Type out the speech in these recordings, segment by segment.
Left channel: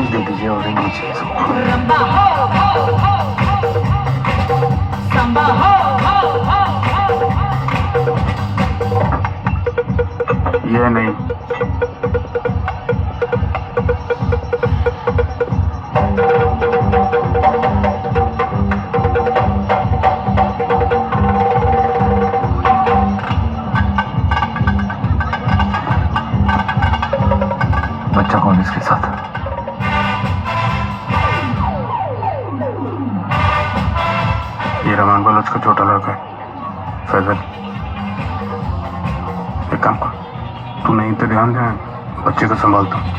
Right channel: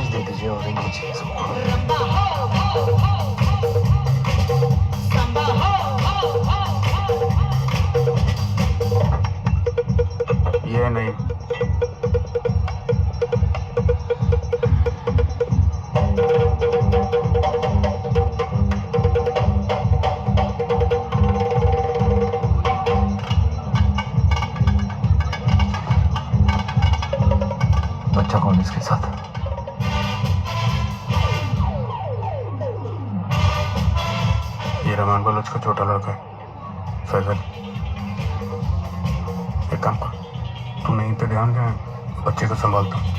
Orange दे दीजिए, orange दीजिए सबको। ये नहीं, बच्चा कौन है इसके साथ? ये रमान बलोच का छोटा लड़का है फैजल। एक काम कर, तू नहीं पे ध्यान दे, बच्चे को संभालता हूँ।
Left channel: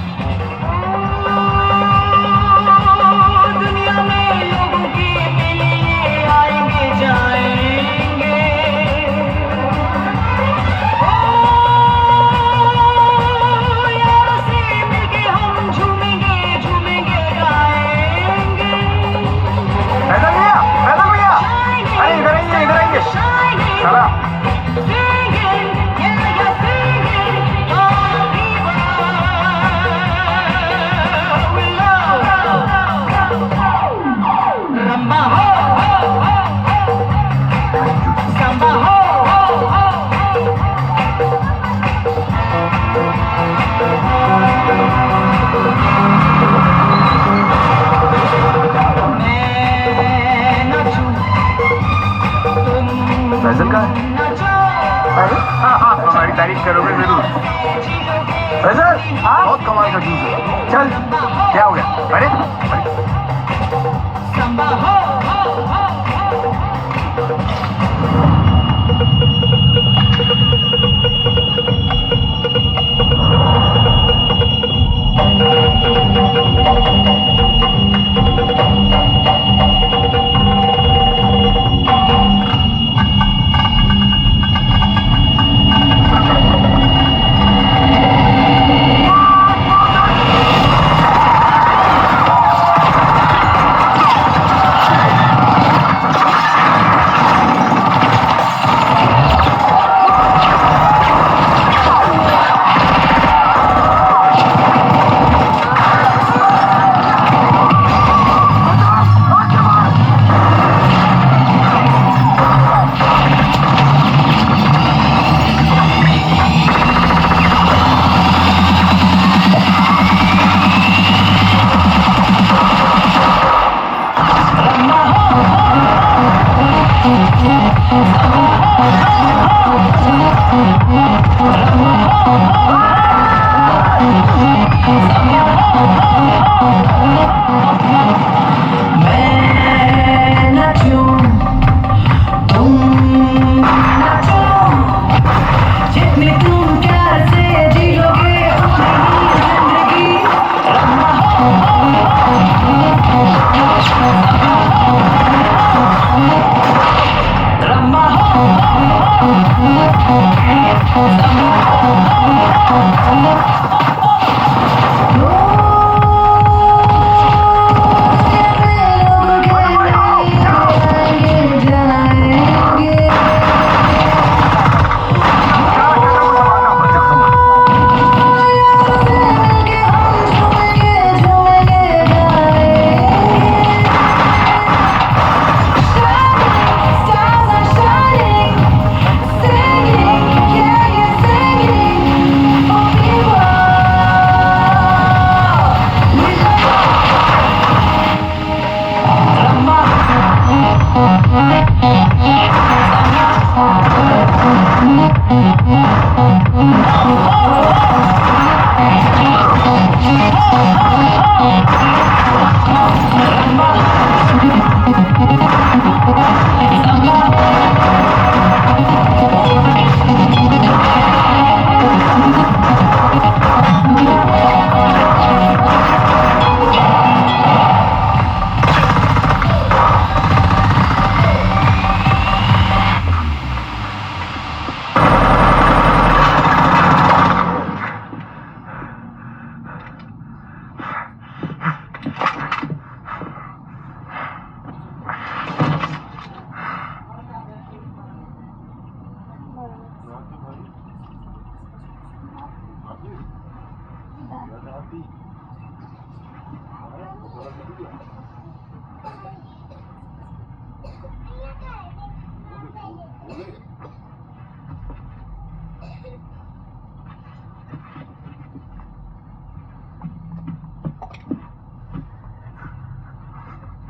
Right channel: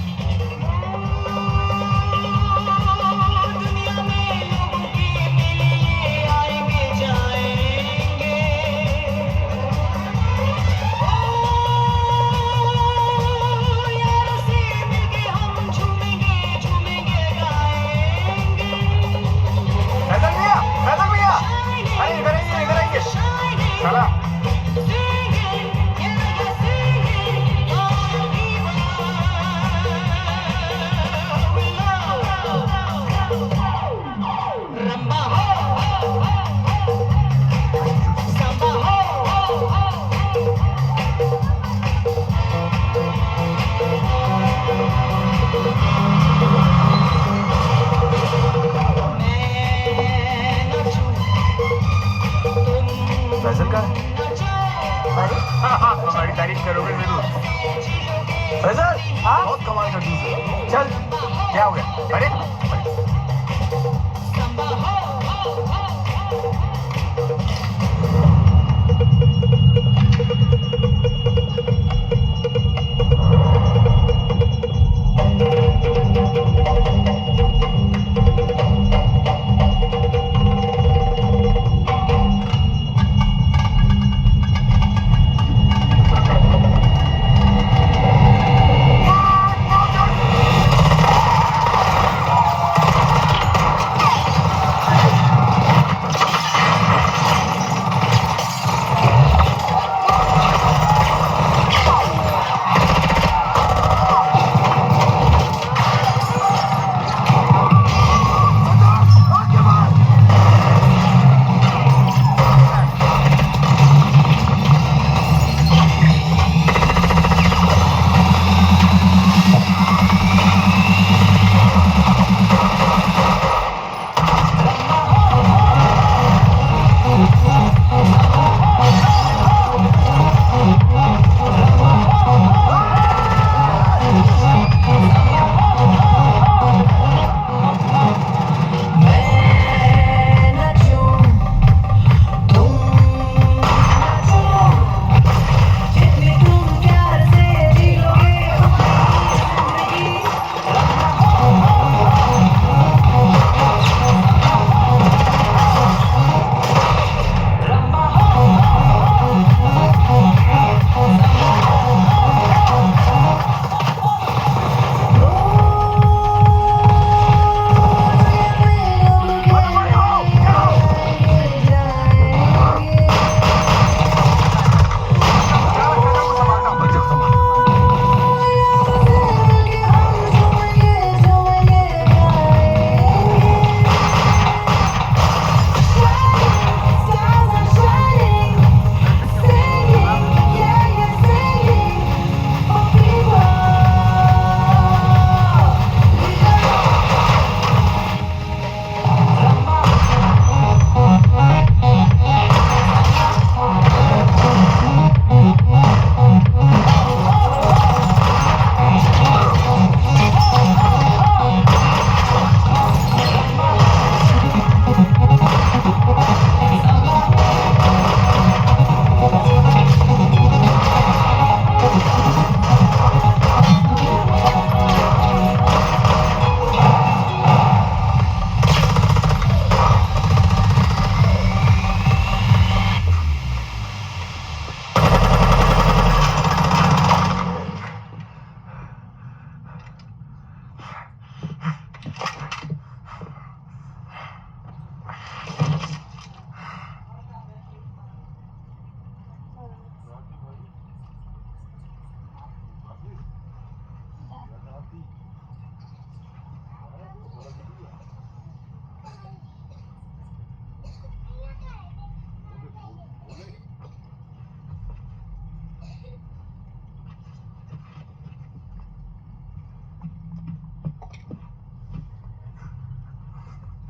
फैजल का है? अरे हमारी तारीफ करोगे जरूर। फैजल बहुत कमाल का चीज है। चल, क्या हो गया? अरे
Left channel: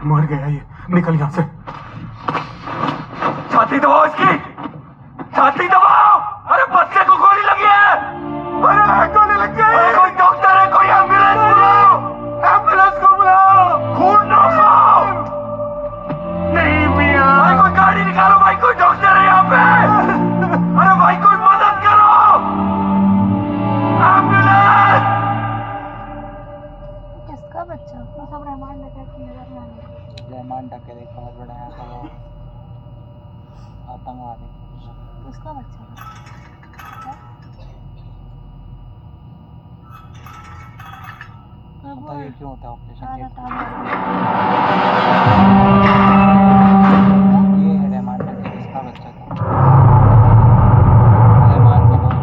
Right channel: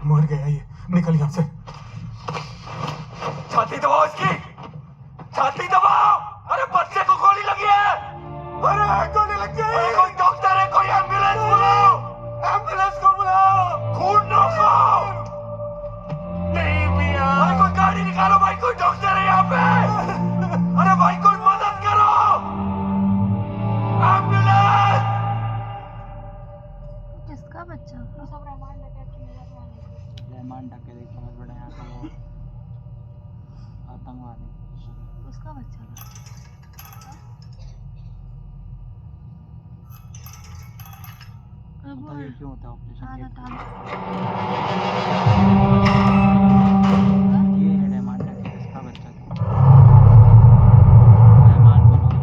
मर गया ये, निकल यहाँ से। छाती दबाओ इसकी, छाती दबाओ। अरे बच्चे को गोली लगी है। अरे गोली लग गई। अरे कोई डॉक्टर है, कोई एम्बुलेंस बुलाओ, एम्बुलेंस को बुलाओ। खून रोको। नहीं मियां। अरे कोई गाड़ी निकालो भाई, कोई डॉक्टर है यहाँ पे। अरे भाई कोई मदद करो, एम्बुलेंस। किसका बच्चा? वो सब रहमान डकैत की नजर में आने को। रहमान डकैत एक बहुत बड़ा यहाँ का वो आतंकवादी। उसका बच्चा पता है क्यों होता है ऑपरेशन? ये है रहमान डकैत, इसका बच्चा था रहमान बलोच।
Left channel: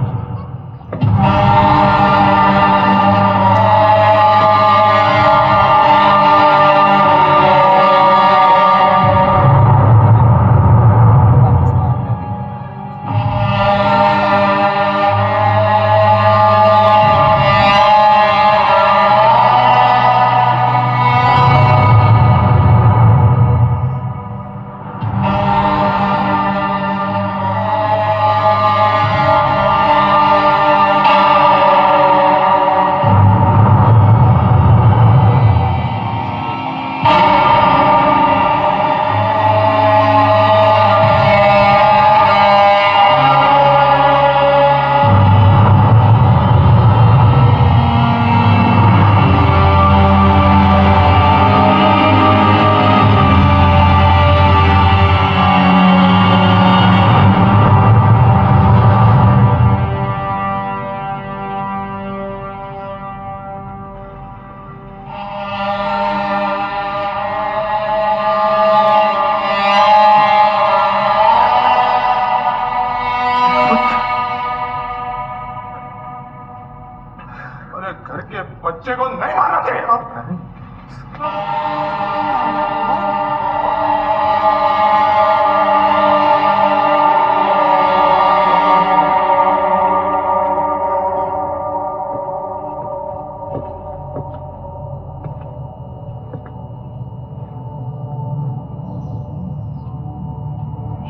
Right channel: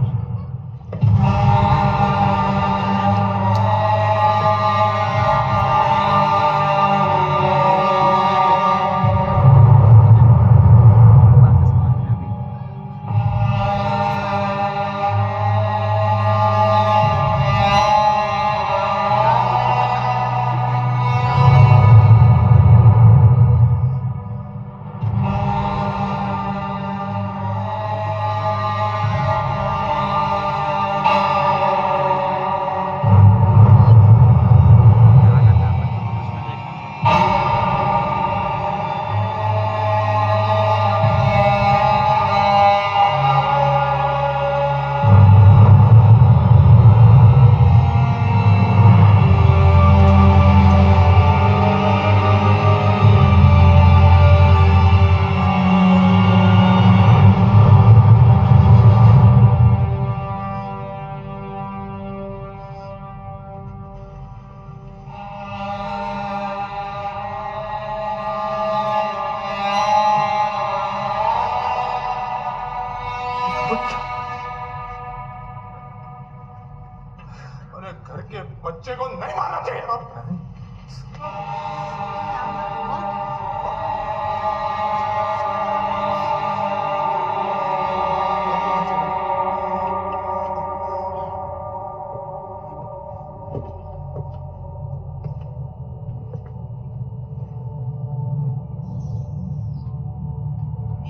अरे घर के बच्चे को नहीं मारना चाहिए।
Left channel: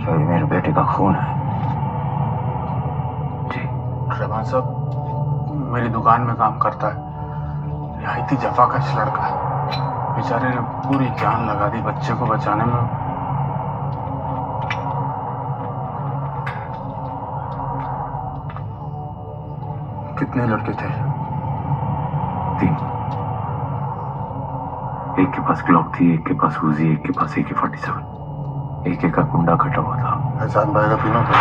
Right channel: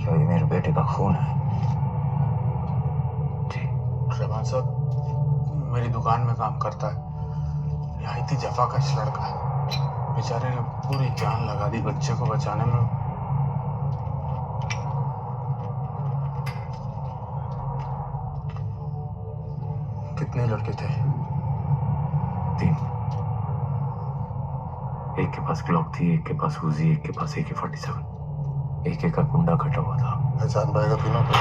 ये मेरे बेटे का खून है। जी रहमान साहब मेरी दुकान में काम करता है, निहायती जफाकश लड़का है। बेचारे ने पूरी जान लगा दी बच्चे को बचाने में। कितने लड़के थे? 3। एक के पास ग्लॉक थी, एक के पास उजी, एक के पास AK-47। एक का कुंडा कटा हुआ था। एहसान भाई का तीनों थे।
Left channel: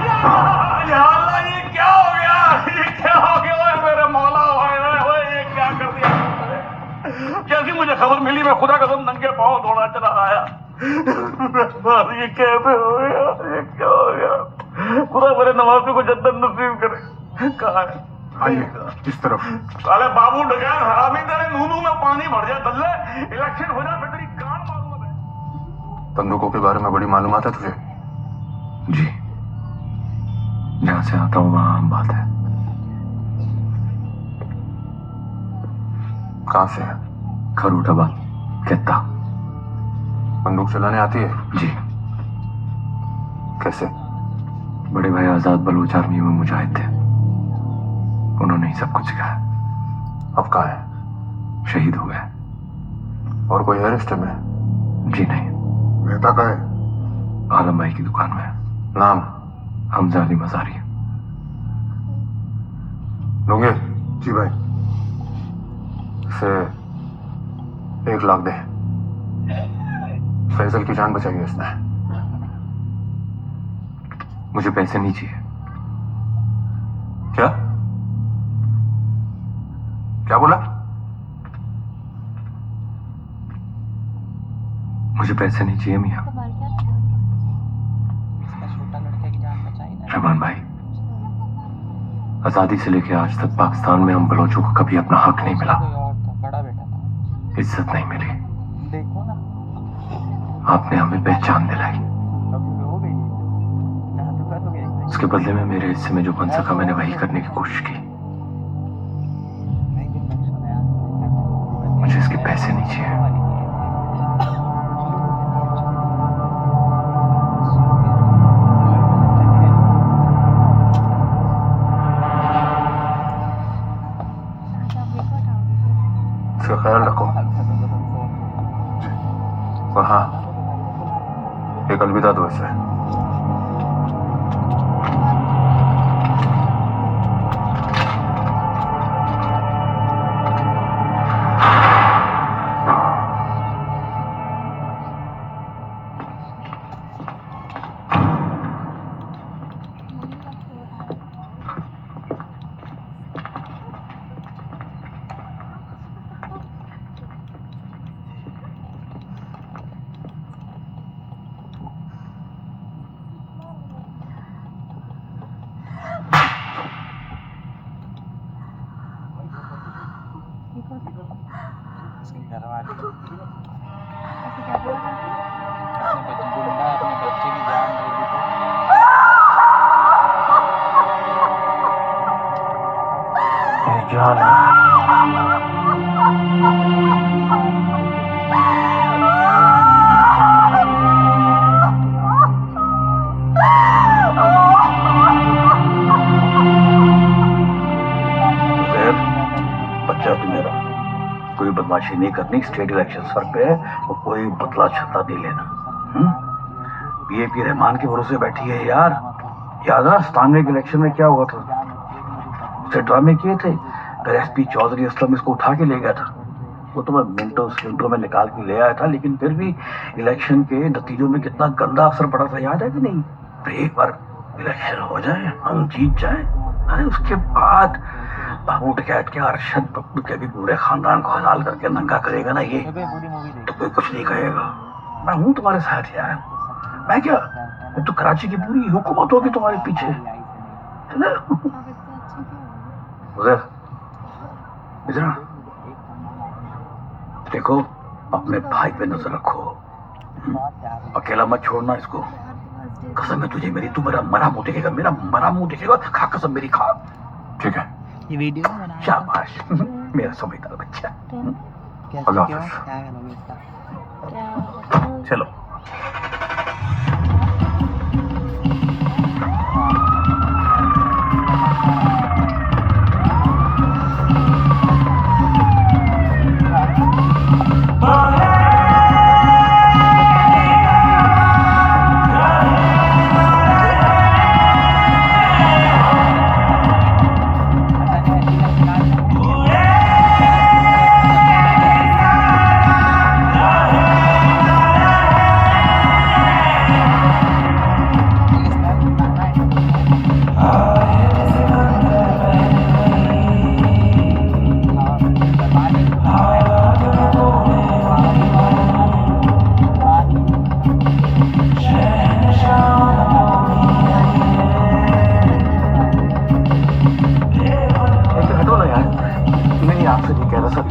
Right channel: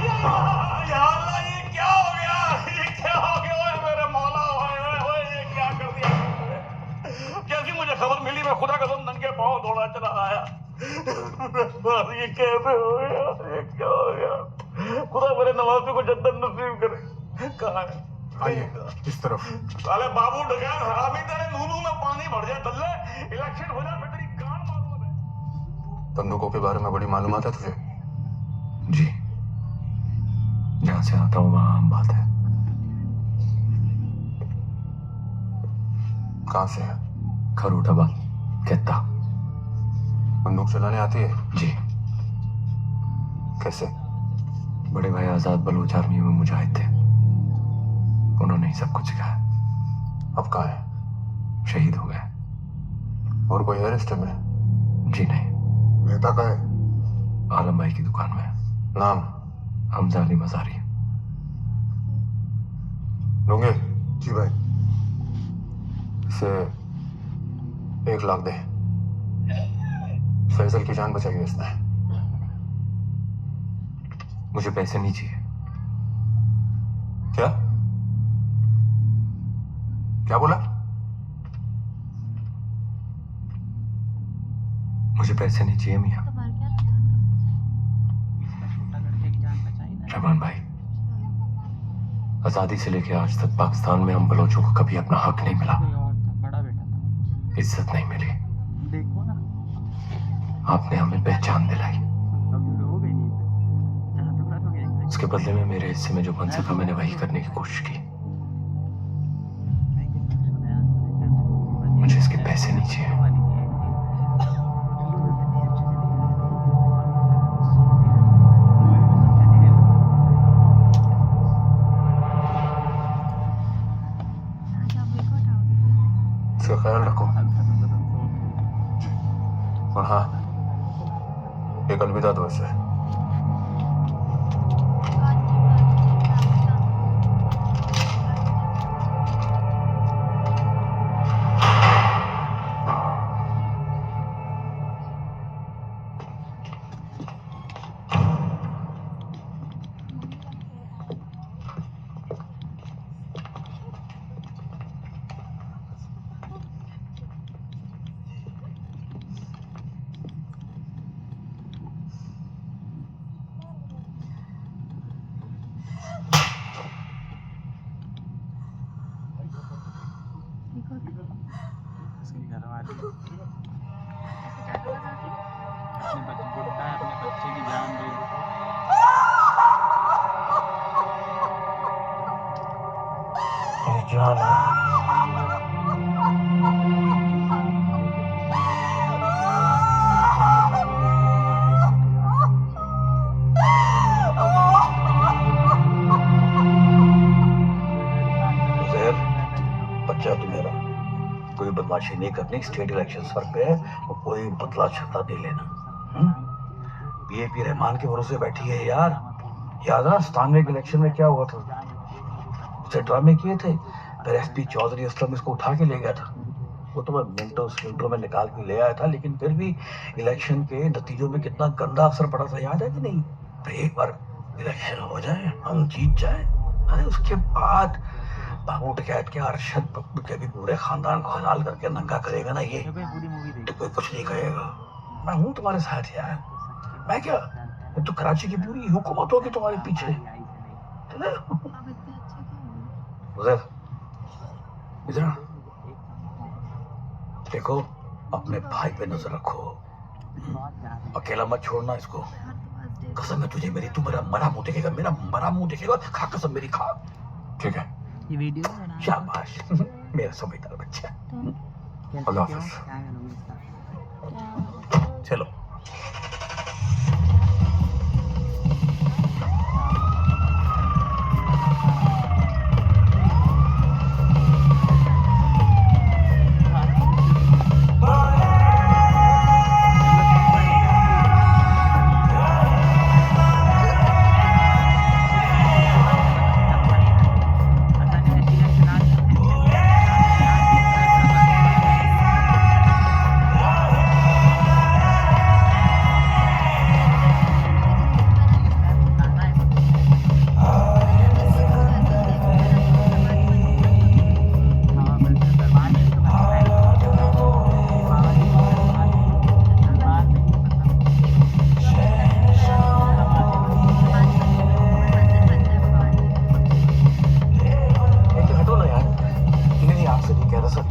या अल्लाह, ये क्या हो गया? ये क्या हो गया? ओए मेरे मौला, ओए ये क्या कर दिया तुमने? जैसी मुझे खबर मिली मैं खुदा कसम नंगे पांव दौड़ा चला आया। ये कैसे हो गया? ये क्या हो गया? खुदा मेरे नवाज़ों को जन्नत नसीब करे। कहाँ है? आइए इस तरफ। साले बाबू डकैत हरामी तेरे नूनू में पानी भर जाए दल्ले, इलेक्शन हो जाए फिर तेरी कान मारूंगा मैं। बंदूकों के बारे में बड़ी मालूमात है तुझे? जी, जहां से आता हूं वहां आम बात है। कहां से है? खरूटाबाद, केता। बंदूक चलाने आती है? जी। कैसे? बड़े भाई आजाद बलोच आर्मी में मुजाहिद थे, उन्होंने ही सब कुछ सिखाया। अब कहाँ है? शहीद हो गए। और कोई है रिश्ते में? जी नहीं। रहता कहाँ है? आलम भाई की दुकान में। नाम? हमजा अली मजारी। लूंगे? जी भाई। इसे 1 लाख दे। फैजल की जान बचाई है इसने। मुझे पैसे नहीं चाहिए। क्या? क्या बोला? मुझे पैसे नहीं चाहिए मियाँ। तो मर गया था। इसका छोटा लड़के की जान बचाई ना। रहमान भाई, आजादी से लेकर आज तक पाकिस्तान में हम बलोचों को कभी अपना हक नहीं मिला, कोई और था, बड़ा बेटा था। इज्जत नहीं मिली। देखो ना, आपने हमें पहचान दिलाई। अभी हो गई जहाँ तो करोगे। उसके बदले में मेरे हिस्से में जो बन सका मैंने वही करने की कोशिश की। मुझे इसके पैसे नहीं चाहिए। और हाँ, एक अलविदा दो इसे। उसके घर वाले ऐसे क्या बोला था? अपने बच्चे गुंडा अपने बच्चे की जान दे दी तो मेरी जान है। उज़ैर, बच्चा तू मेरा, कोई बदमाशी नहीं करनी, स्टेट इलेक्शन सर पे है और कोई बदला छता नहीं लेना। पीएपी रहमान के भरोसे बैठी है यार। याद है स्थानीय इलेक्शन में क्या हुआ था, उसे ड्रामे किए थे, फिर एसपी चौधरी असलम इसको उठा के ले गया था। वो तो मैं मिनटों में निकाल के ले आया था, लेकिन फिर भी इलेक्शन के नतीजों में कितना गंदा असर पड़ा था, याद है कि नहीं? तो एक बार इलेक्शन हो जाए, हम जीत जाए, अरे उसके बाद बाबू डकैत के अरशद पप्पू के भी पूरे खानदान को हलाल करके नंगा करेगा ना ये, पूरी मूवी तो कोई कुछ नहीं कहेगा। मैं हूँ तुम्हारे साथ यार, मैं क्या, मैं तो कराची की पूरी हुकूमत होगी तुम्हारे पीछे, है ना? अब इतने अच्छे क्यों हो? उज़ैर, इधर आ। देखो, अपने भाई पे नजर रखो, अकेला मत छोड़ना इसको। कसम है तुझे मेरी, तू मेरा मरा मुंह देखेगा, मेरा मरा मुंह देखेगा, खा कसम मेरी, खा। ठीक है, ये वीडियो में बना शाबाश मेरा समझदार बच्चा। अल्लाह हाफ़िज़। क्या करोगे इसका? क्या चलो।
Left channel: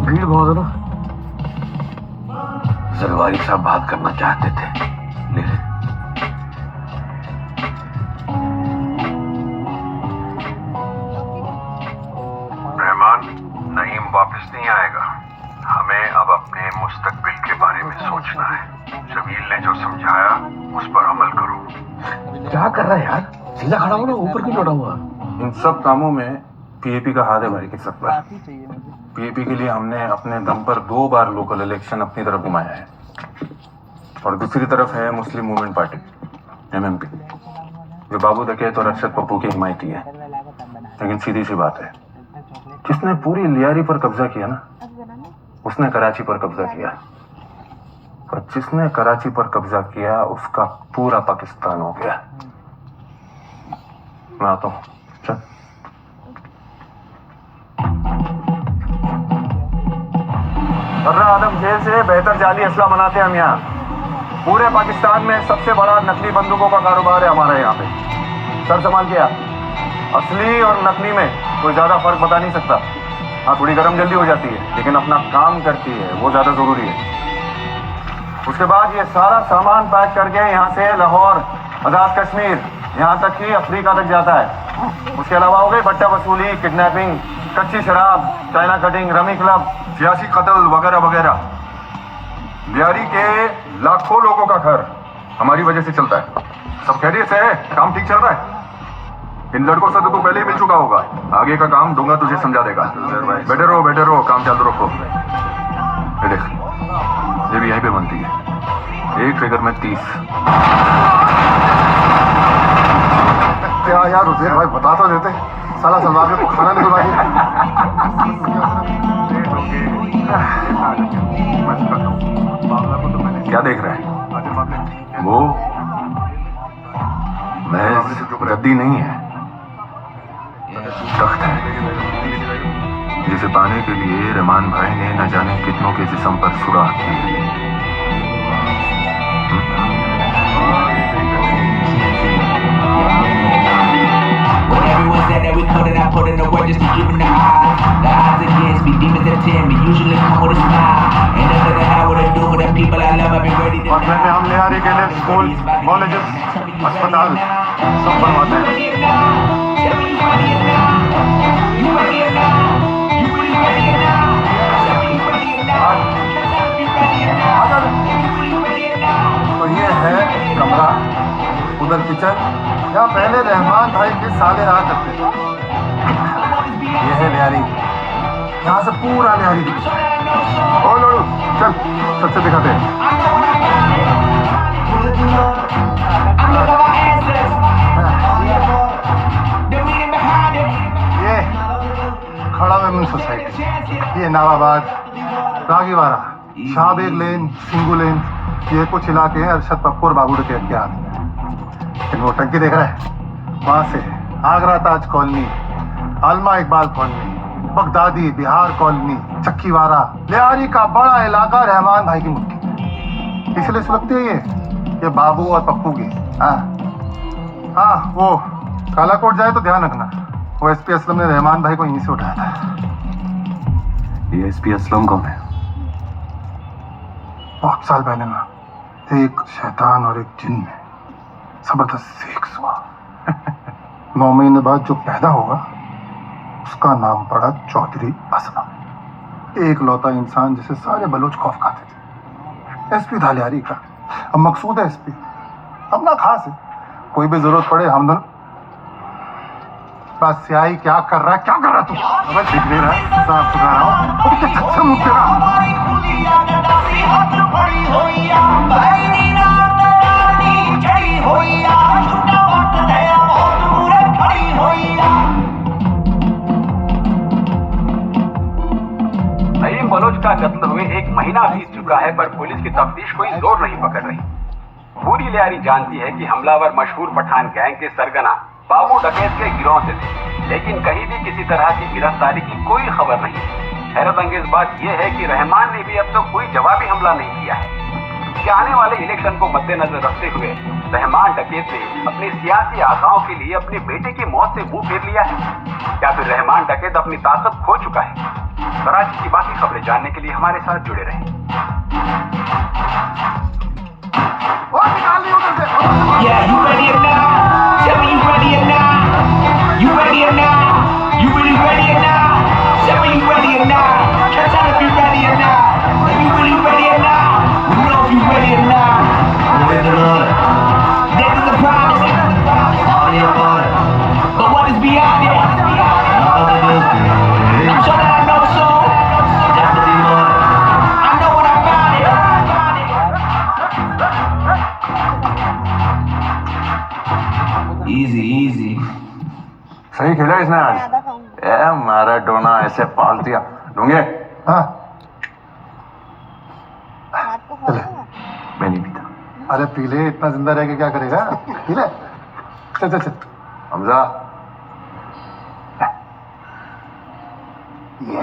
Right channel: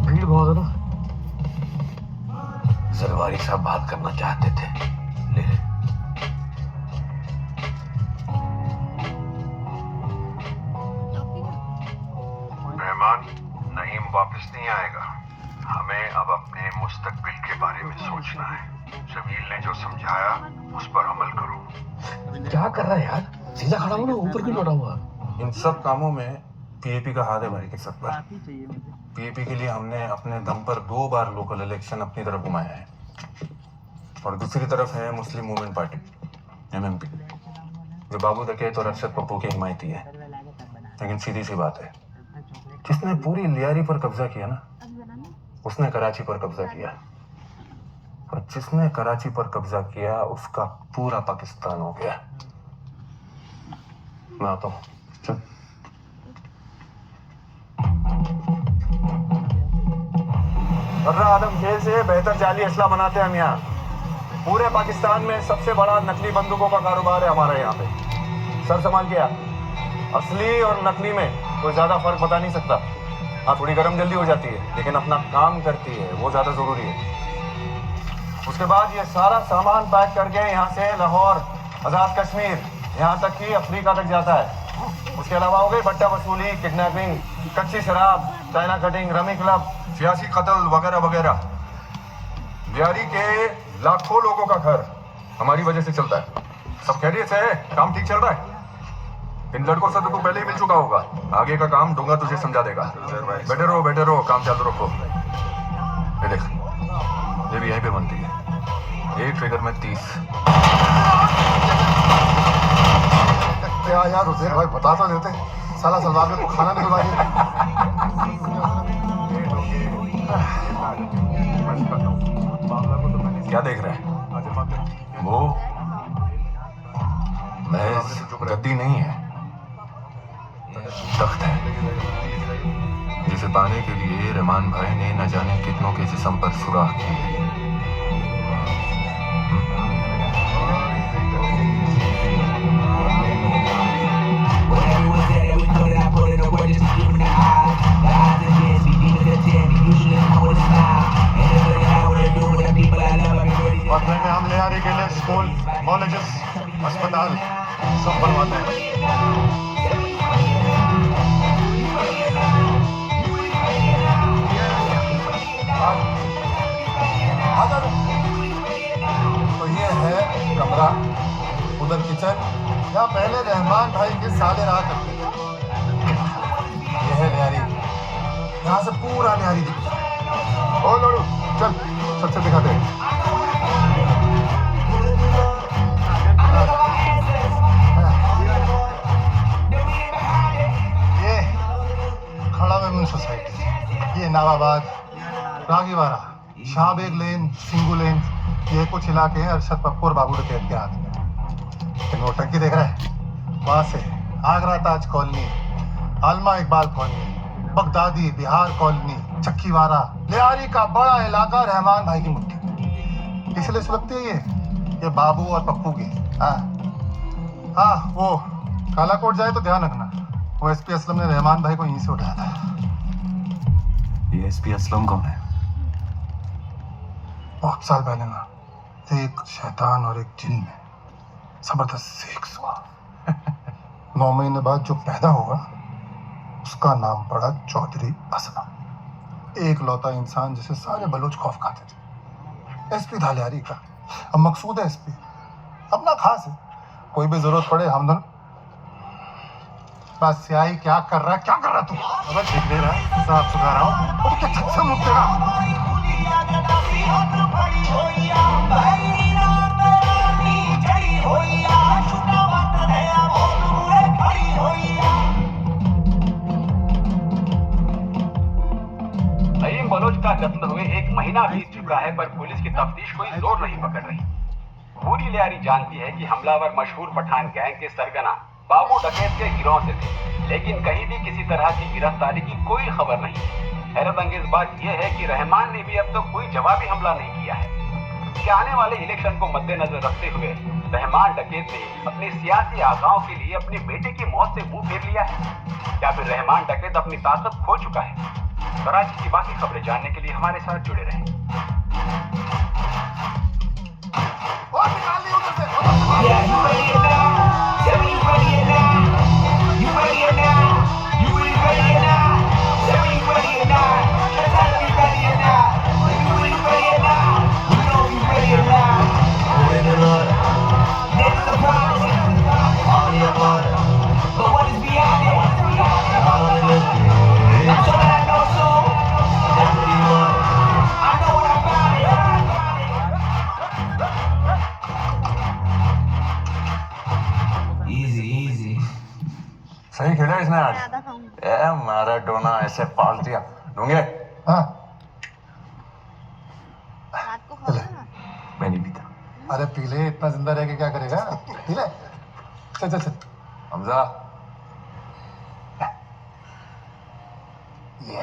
भीड़ बहुत है ना, जरवारी साहब बात करना चाहते थे, ले ले। रहमान, नईम वापस नहीं आएगा। हमें अब अपने मुस्तकबिल के बारे में सोचना है। शबील ने जो समझाया उस पर अमल करो। क्या कर रहा है यार, सीधा खड़ा हो ना, ऊपर क्यों लौटा हुआ? इन सब कामों में पीएपी का हाथ है भाई की सब पर। बात ही चाहिए मुझे। पीएपी के लिए हमने अपने दम पर 2 बार लोकल इलेक्शन अपनी तरफ घुमाया है, और दूसरी तरफ है मुस्लिम मूवमेंट पार्टी एमएमपी, जो बाबू डकैत और अरशद पप्पू की हिमायती है। लेकिन सीधी सी बात है, जिसने पूरी लियारी पर कब्जा किया ना, उसने कराची पर कब्जा किया, और जिसने कराची पर कब्जा किया उसका पूरा पाकिस्तान हो गया। मैं आता हूँ, चल। बर्रा आदम जेल से बेहतर जाली असला बनाते हैं हम यहाँ। पूरे पाकिस्तान में सबसे बड़ा नकली बंदूकों का कारोबार है हमारे यहाँ पे। सर संभाल के आप, असली और नकली में कोई ज्यादा फर्क बता नहीं सकता। हाँ, थोड़ी गर्म जल्दी हो जाती है, लेकिन अपना काम करती है, वो ज्यादा जरूरी है। उसके बाद ये सारा सामान पैक करके यहाँ से लाहौर, आजाद कश्मीर, यहाँ तक कि अफ्रीका तक जाता है। उसके अलावा हो गई बट्टा वसूली, किडनैपिंग, कच्ची शराब, चाइना कटिंग, रमी क्लब, सियासी कत्ल वगैरह वगैरह। लियारी के लाखों लोगों का घर हमारी वजह से चलता है। सब खैरियत से है, काम ठीक चल रहा है। इन लड़कों से तो तू पहले ही मिल चुका होगा, आगे का काम डोंगा तुझे समझा देगा। बैठे रहो, काम चालू रखो। ये देख, ये भी यहीं पे बनती है। एक ट्रिगर में 30। क्या यार हुसैन भाई बता तो देते, साला सलवार में तो खाना निकलवा दिया। क्या देख रहा है? वो महज गद्दी नहीं है, तख्त है, जिसे पाने के लिए रहमान भाई ने न जाने कितनों के जिस्म पर सुराख किए। Everyone said that we couldn't, I put in the work just to give them the eyes. The eyes against me, demons that tempt me, usually come with a smile. And nothing that I wouldn't do for the people I love, I've been ready to और घर में हम ले आ रही के लिए school, colleges, अस्पताल सब बनवाते हैं। तो ये है कमरा, उधर किचन, यहाँ पहले रहमान भाई के साले रहा करते थे। ये है लियारी, यहाँ से पूरा लियारी दिखता है। ओ लोड़ू, चल सच से दिखाते हैं। ये खड़ा वेमन सोसाइटी, ये नवाबाद, रागीवाड़ा, शाहबेग लेन, सिंगू लेन, ये कुछ इलाके हैं अरशद पप्पू और बाबू डकैत के हाथ में। इन वो टंकी देख रहा है, वहां से Agra Taj colony, Alama Iqbal colony, Baghdadi Bihar colony, Chakiwara, Lyari का बड़ा इलाका रहमान भाई की मुट्ठी। इसलिए सुलगती है ये बाबू और पप्पू की। हाँ वो कालाकोट जाए तो ध्यान रखना, वो एसपी असलम ने रहमान भाई को यहीं से उठाया था। ये एसपी असलम कौन है? बहुत साल पहले ना एक शैतान और एक जिन में जबरदस्त सेक्स हुआ। 9 महीने बाद जो पैदा होगा उसका नाम पड़ा चौधरी असलम। एक लौता इंसान जिसे सारे बलोच खौफ खाते थे। एसपी था लियारी का। अब मकसूद है एसपी, अपना खास है, कोई भी जरूरत पड़े हम दोनों। बस सियाही क्या कर रहा है, क्या कर रहा तू? अब दिख नहीं रहा, साफ सुथरा रहा हूँ, क्या छत से मुँह तेरा। नईम बलोच का कत्ल हुए 1 महीना बीत चुका है, पर पुलिस की तफ्तीश कोई जोर नहीं पकड़ रही। पूरी लियारी जानती है कि हमलावर मशहूर पठान गैंग के सरगना बाबू डकैत के गिरोह से थे, लेकिन कहीं भी किसी तरह की गिरफ्तारी की कोई खबर नहीं है। हैरत अंगेज बात यह है कि रहमान ने भी अब तक कोई जवाबी हमला नहीं किया है। क्या आने वाले इलेक्शन को मद्देनजर रखते हुए रहमान डकैत ने अपने सियासी आशाओं के लिए अपने बेटे की मौत से मुंह फेर लिया है, या फिर रहमान डकैत अपनी ताकत खो चुका है? कराची की बाकी खबरें जानने के लिए हमारे साथ जुड़े रहें। Yeah, you ready or not? Tell me you ready or not? You ready or not? You really ready or not? Tell me you ready or not? Tell me if you ready or not? If you really ready or not? You know if you ready or not? This is a promise. But what is beyond it? I'm sure that I know so. I know when I found it. Easy, easy. सही खेला इसने आज। ज्यादा खाऊंगी। ए Maradona ऐसे पाल दिया। ढूंढे? हाँ रात को खाऊंगा ना। मैं नहीं पीता। अरे पी ले, इतना जिंदा रह के क्या करेगा? पी ले, चल चल चल। हमजा ये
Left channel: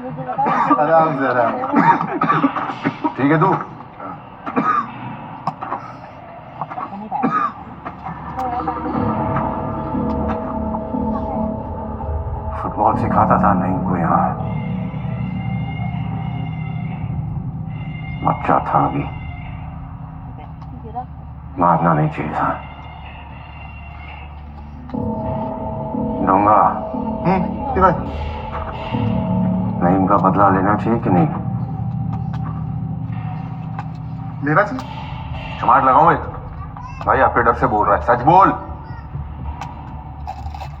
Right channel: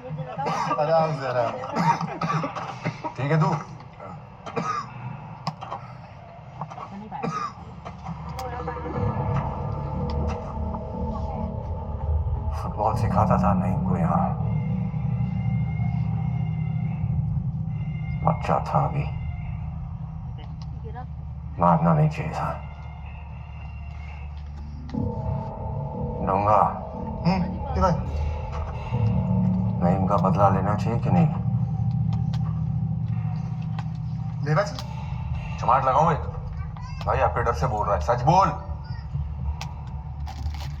मुझे बताओ। आराम से आराम। ठीक है तू? फुटबॉल सिखाता था नहीं को यहाँ। बच्चा था अभी, मारना नहीं चाहिए था। डोंगा भाई, नईम का बदला लेना चाहिए कि नहीं? लेना चाहिए। चमाट लगाऊं एक? भाई आपके डर से बोल रहा है, सच बोल।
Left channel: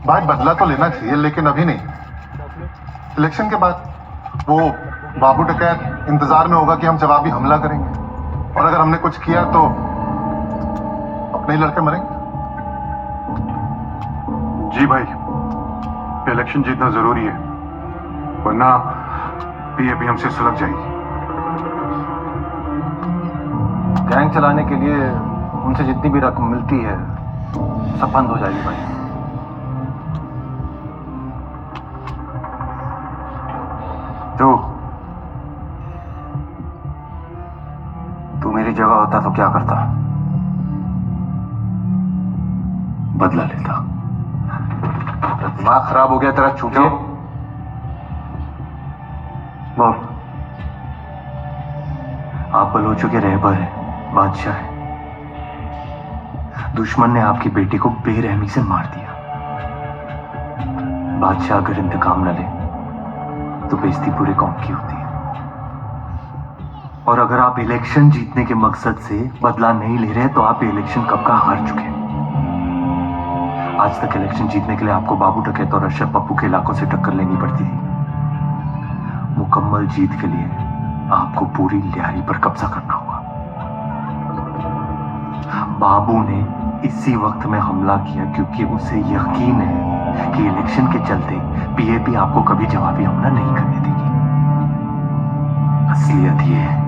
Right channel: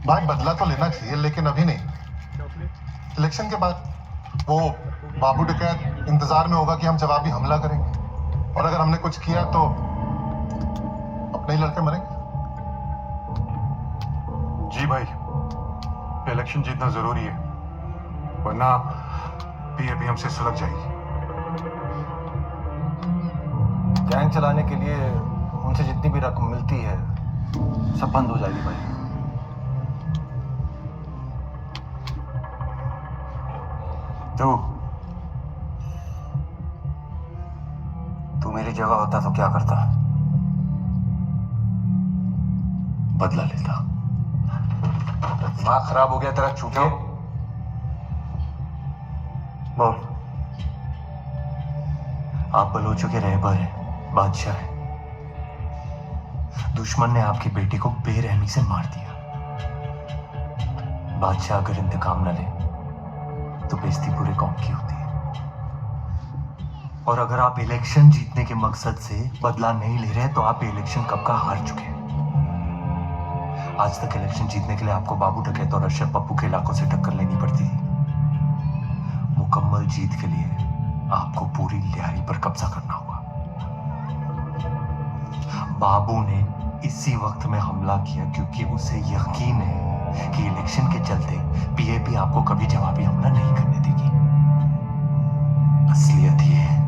भाई बदला तो लेना चाहिए, लेकिन अभी नहीं, इलेक्शन के बाद। वो बाबू डकैत इंतजार में होगा कि हम जवाबी हमला करेंगे, और अगर हमने कुछ किया तो अपने ही लड़के मरेंगे। जी भाई, इलेक्शन जीतना जरूरी है, वरना पीएपी हमसे सुलग जाएगी। गैंग चलाने के लिए उनसे जितनी भी रकम मिलती है सब बंद हो जाएगी भाई। तू मेरी जगह होता तो क्या करता? बदला लेता। दिमाग खराब हो गया तेरा चूतिया? बोल। आप बलोचों के रहबर हैं, बादशाह हैं। दुश्मन ने आपकी बेटी को बेरहमी से मार दिया। बादशाह अगर इंतकाम न ले तो बेइज्जती पूरे कौम की होती है। और अगर आप इलेक्शन जीतने के मकसद से बदला नहीं ले रहे तो आप ये इलेक्शन कब का हार चुके हैं। आज तक इलेक्शन जीतने के लिए आपको बाबू डकैत और अशरफ पप्पू के इलाकों से टक्कर लेनी पड़ती थी। मुकम्मल जीत के लिए आपको पूरी लियारी पर कब्जा करना होगा। बाबू ने इसी वक्त में हमला किया क्योंकि उसे यकीन है कि इलेक्शन के चलते पीएपी आपको कभी जवाबी हमला नहीं करने देगी। असलियत यह है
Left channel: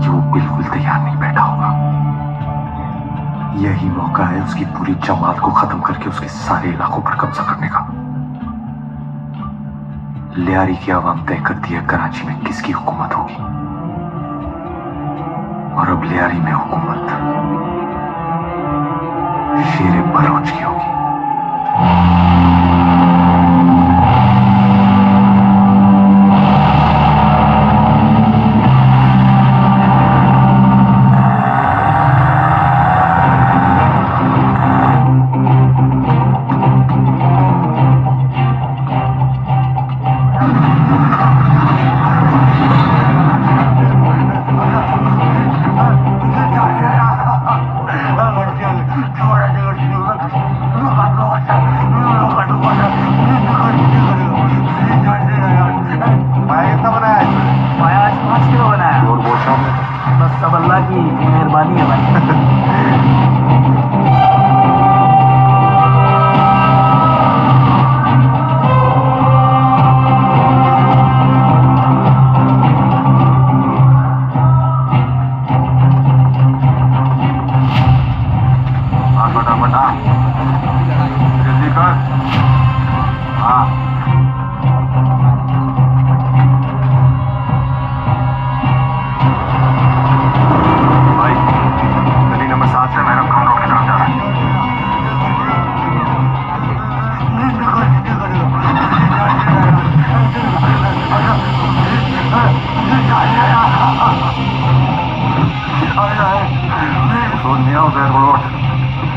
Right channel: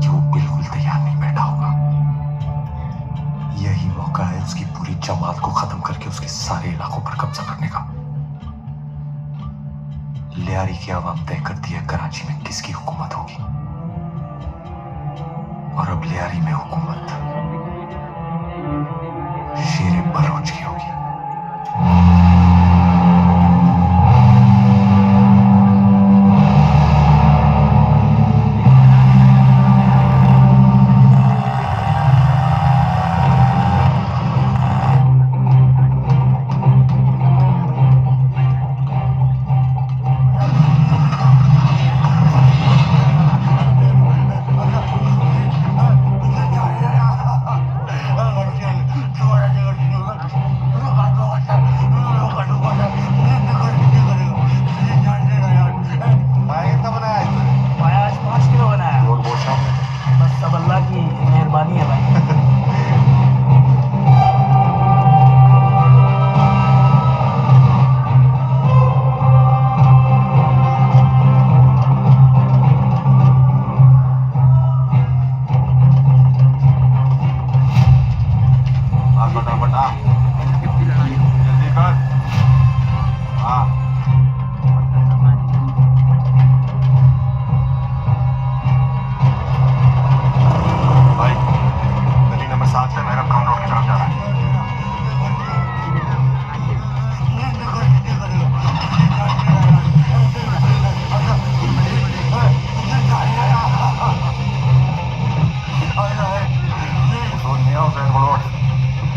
कि वो बिल्कुल तैयार नहीं बैठा होगा। यही मौका है उसकी पूरी जमात को खत्म करके उसके सारे इलाकों पर कब्जा करने का। लियारी की आवाम तय करती है कराची में किसकी हुकूमत होगी, और अब लियारी में हुकूमत शेर बलोच की होगी।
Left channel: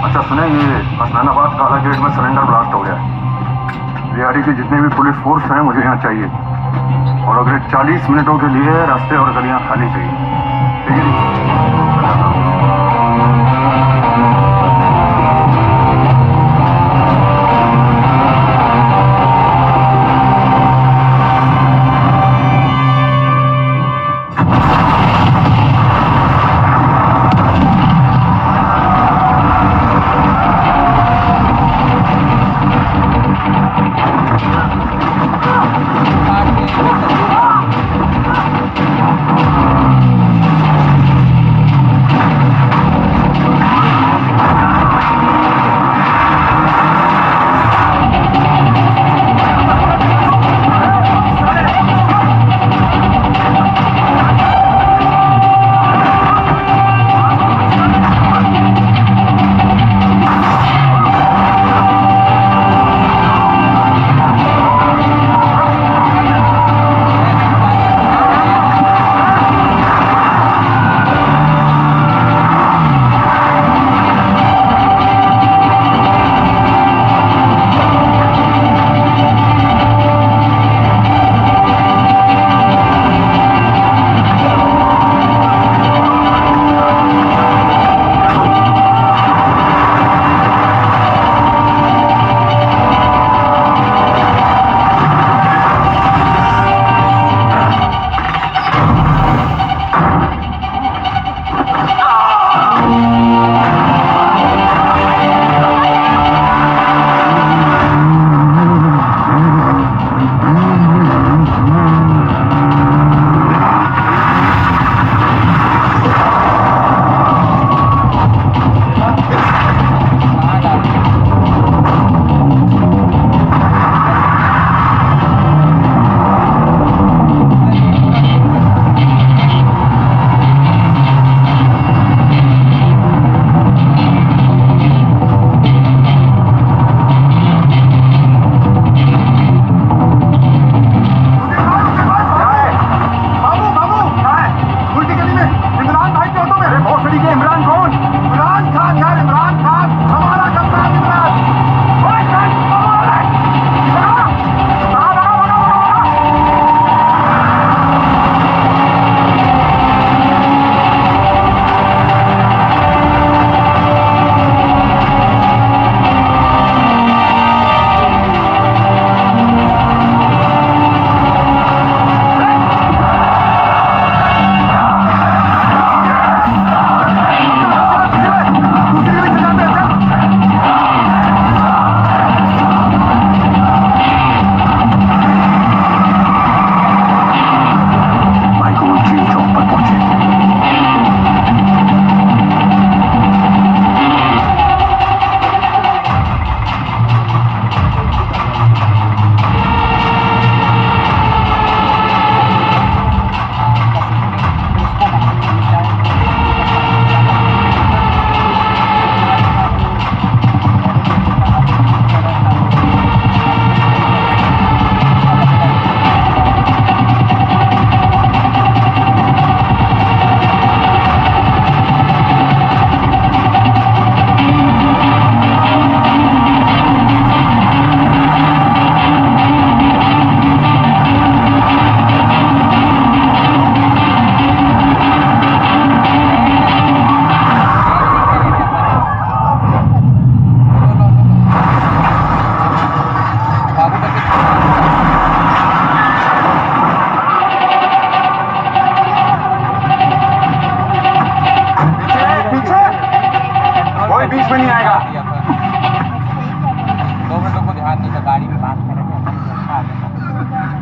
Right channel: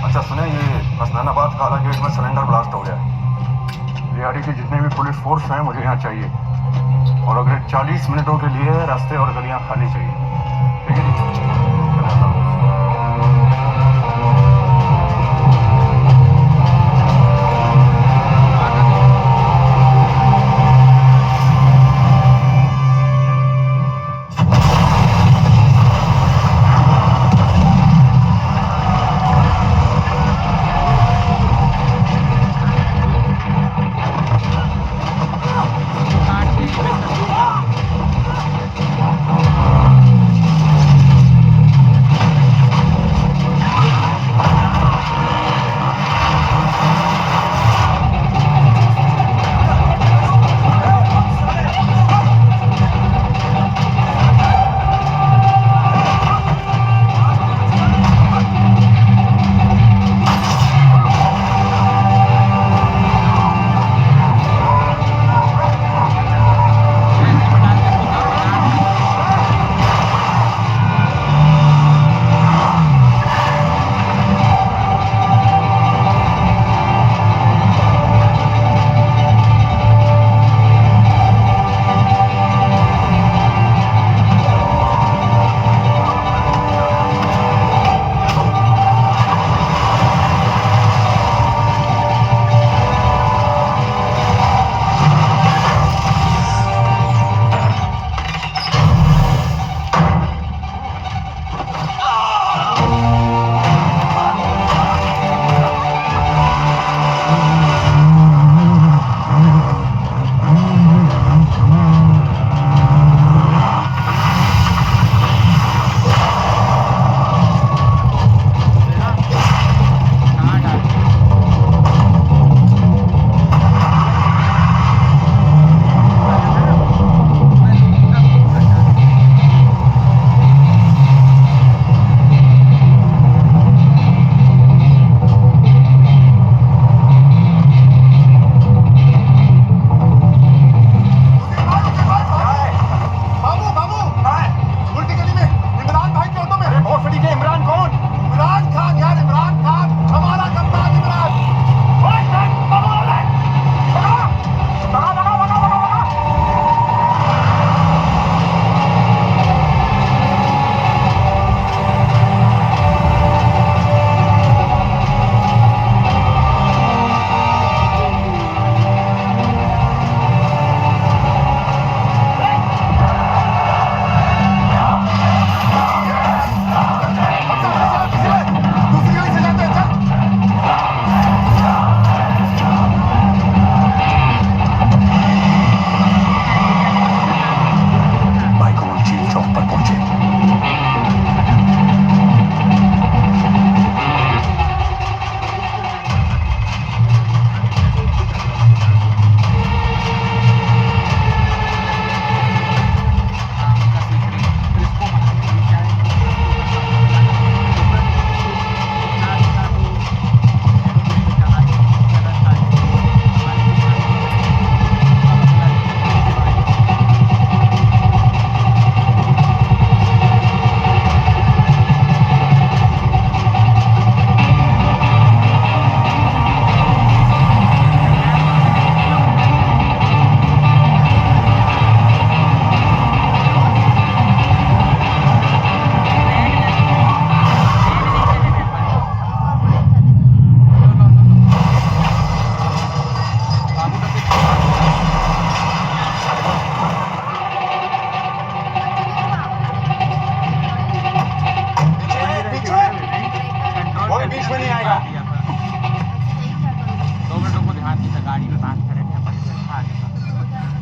अच्छा सुने, ये हसनैनाबाद काला गेट में सिलेंडर ब्लास्ट हो गया है। लियारी की जितनी भी पुलिस फोर्स हैं मुझे यहाँ चाहिए, और अगले 40 मिनटों के लिए रास्ते और गलियां खाली चाहिए। ठीक है? बात नहीं तो गाड़ी में बात करेंगे अपन व्यवस्था आ जाएगा। इसी में मारा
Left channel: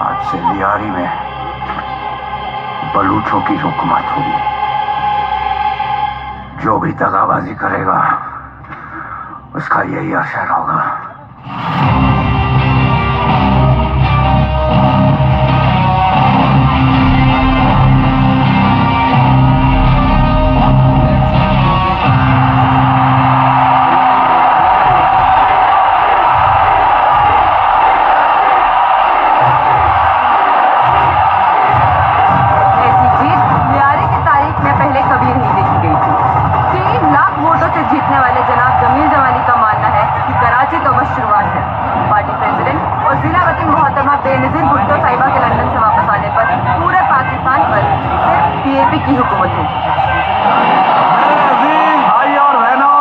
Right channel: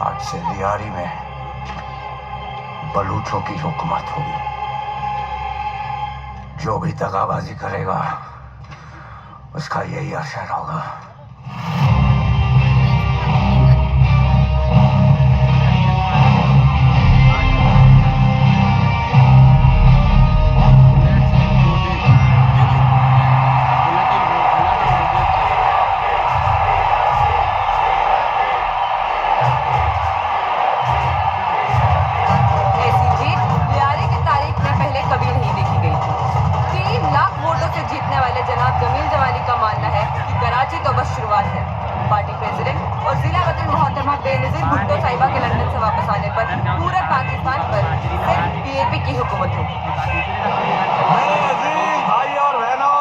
आज से लियारी में बलूचों की हुकूमत होगी। जो भी दगाबाजी करेगा उसका यही असर होगा। जीतने वाले जनाब जमील जमाली का मानना है कि कराची तो बस शुरुआत है। पार्टी प्रेसिडेंट और जिला वतीन मोहतरमा बेनजीर भुट्टो साहिबा के लंदन से वापस आने पर पूरे पाकिस्तान पर सिर्फ पीएपी की हुकूमत होगी। भाई और बहनों,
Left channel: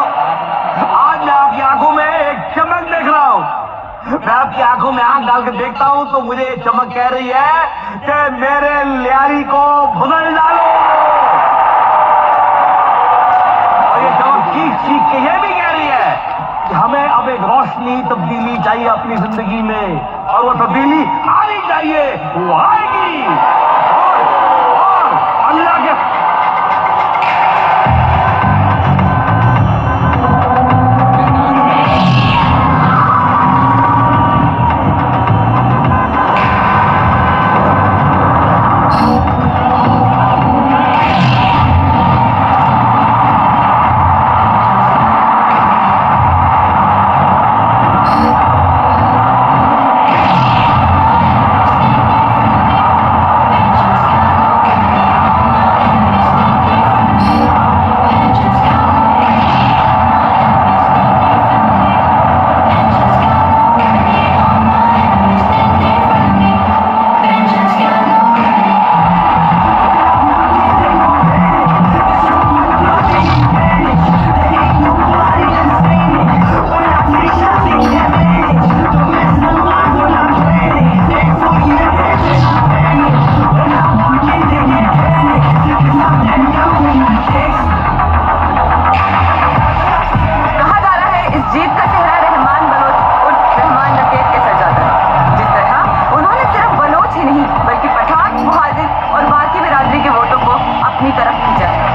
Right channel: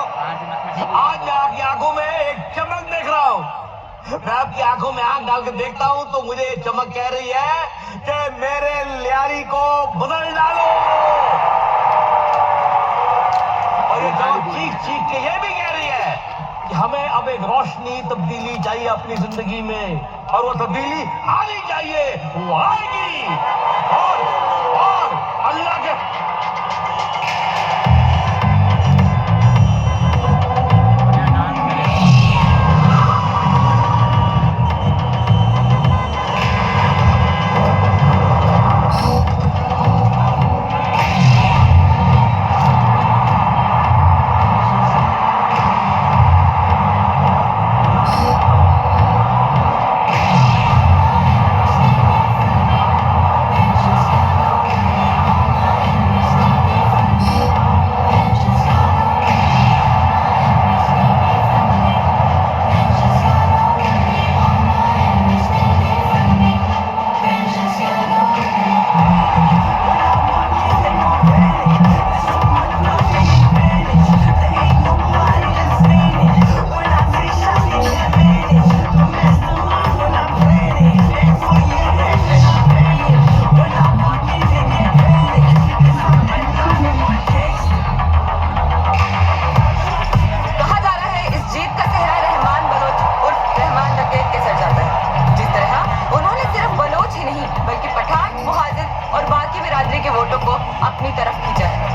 आज मैं आपकी आंखों में एक चमक देख रहा हूँ। मैं आपकी आंखों में आंख डाल के देखता हूँ तो मुझे ये चमक कह रही है कि मेरे लियारी को बदल डालो। ये चमक चीख चीख के ये भी कह रही है कि हमें अब एक रोशनी तब्दीली चाहिए अपनी जिंदगी में, और वो तब्दीली आनी चाहिए, वो आएगी। और अल्लाह के अपनी तरफ खींचा है।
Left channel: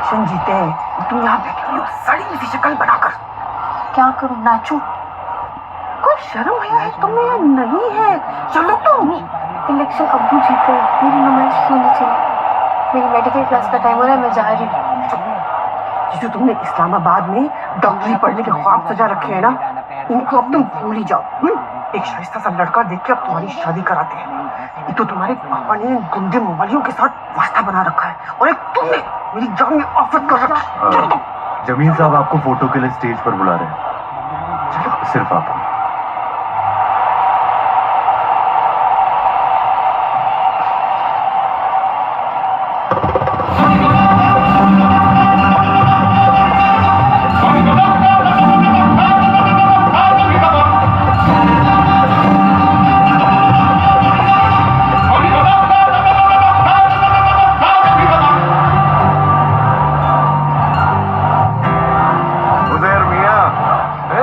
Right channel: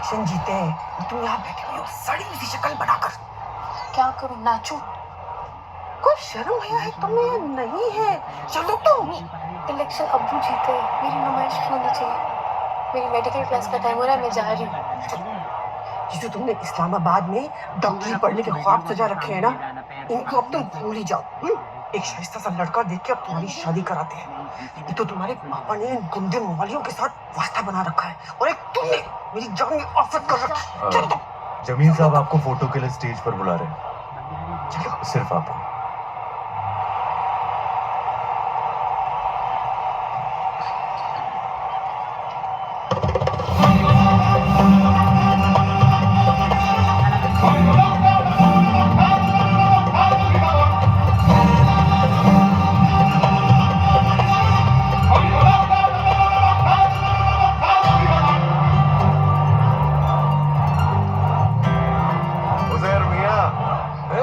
इलेक्शन जीते हैं, तुम यहाँ बैठी हुई हो सड़ी सी शक्ल बनाकर। क्या करूं, नाचूं? कोई शर्म है तुम्हें नहीं है? चलो तुम। इलेक्शन अब्बू जीते, मेरी नुमाइश क्यों नहीं चाहिए? मेरी मेडिकल क्लास का टाइम हो रहा है, मैं जा रही हूँ। जो तुमने इस्लामाबाद में डॉक्टरी पढ़ने के ख्वाब सजा रखे हैं ना, इनको अब तुम भूल ही जाओ। एक शाइस्ता सा लड़का देख के अब तुम्हारी शादी कराते हैं। एक तो तुम्हारे पापा ने गुंडे मोबाइलों के साथ वास्ता बना रखा है, और एक तुमने मेरी जान में आफत कर रखा है। जमील साहब आपको फोटो के लिए स्टेज पर बुला रहे हैं, सिर्फ आपको।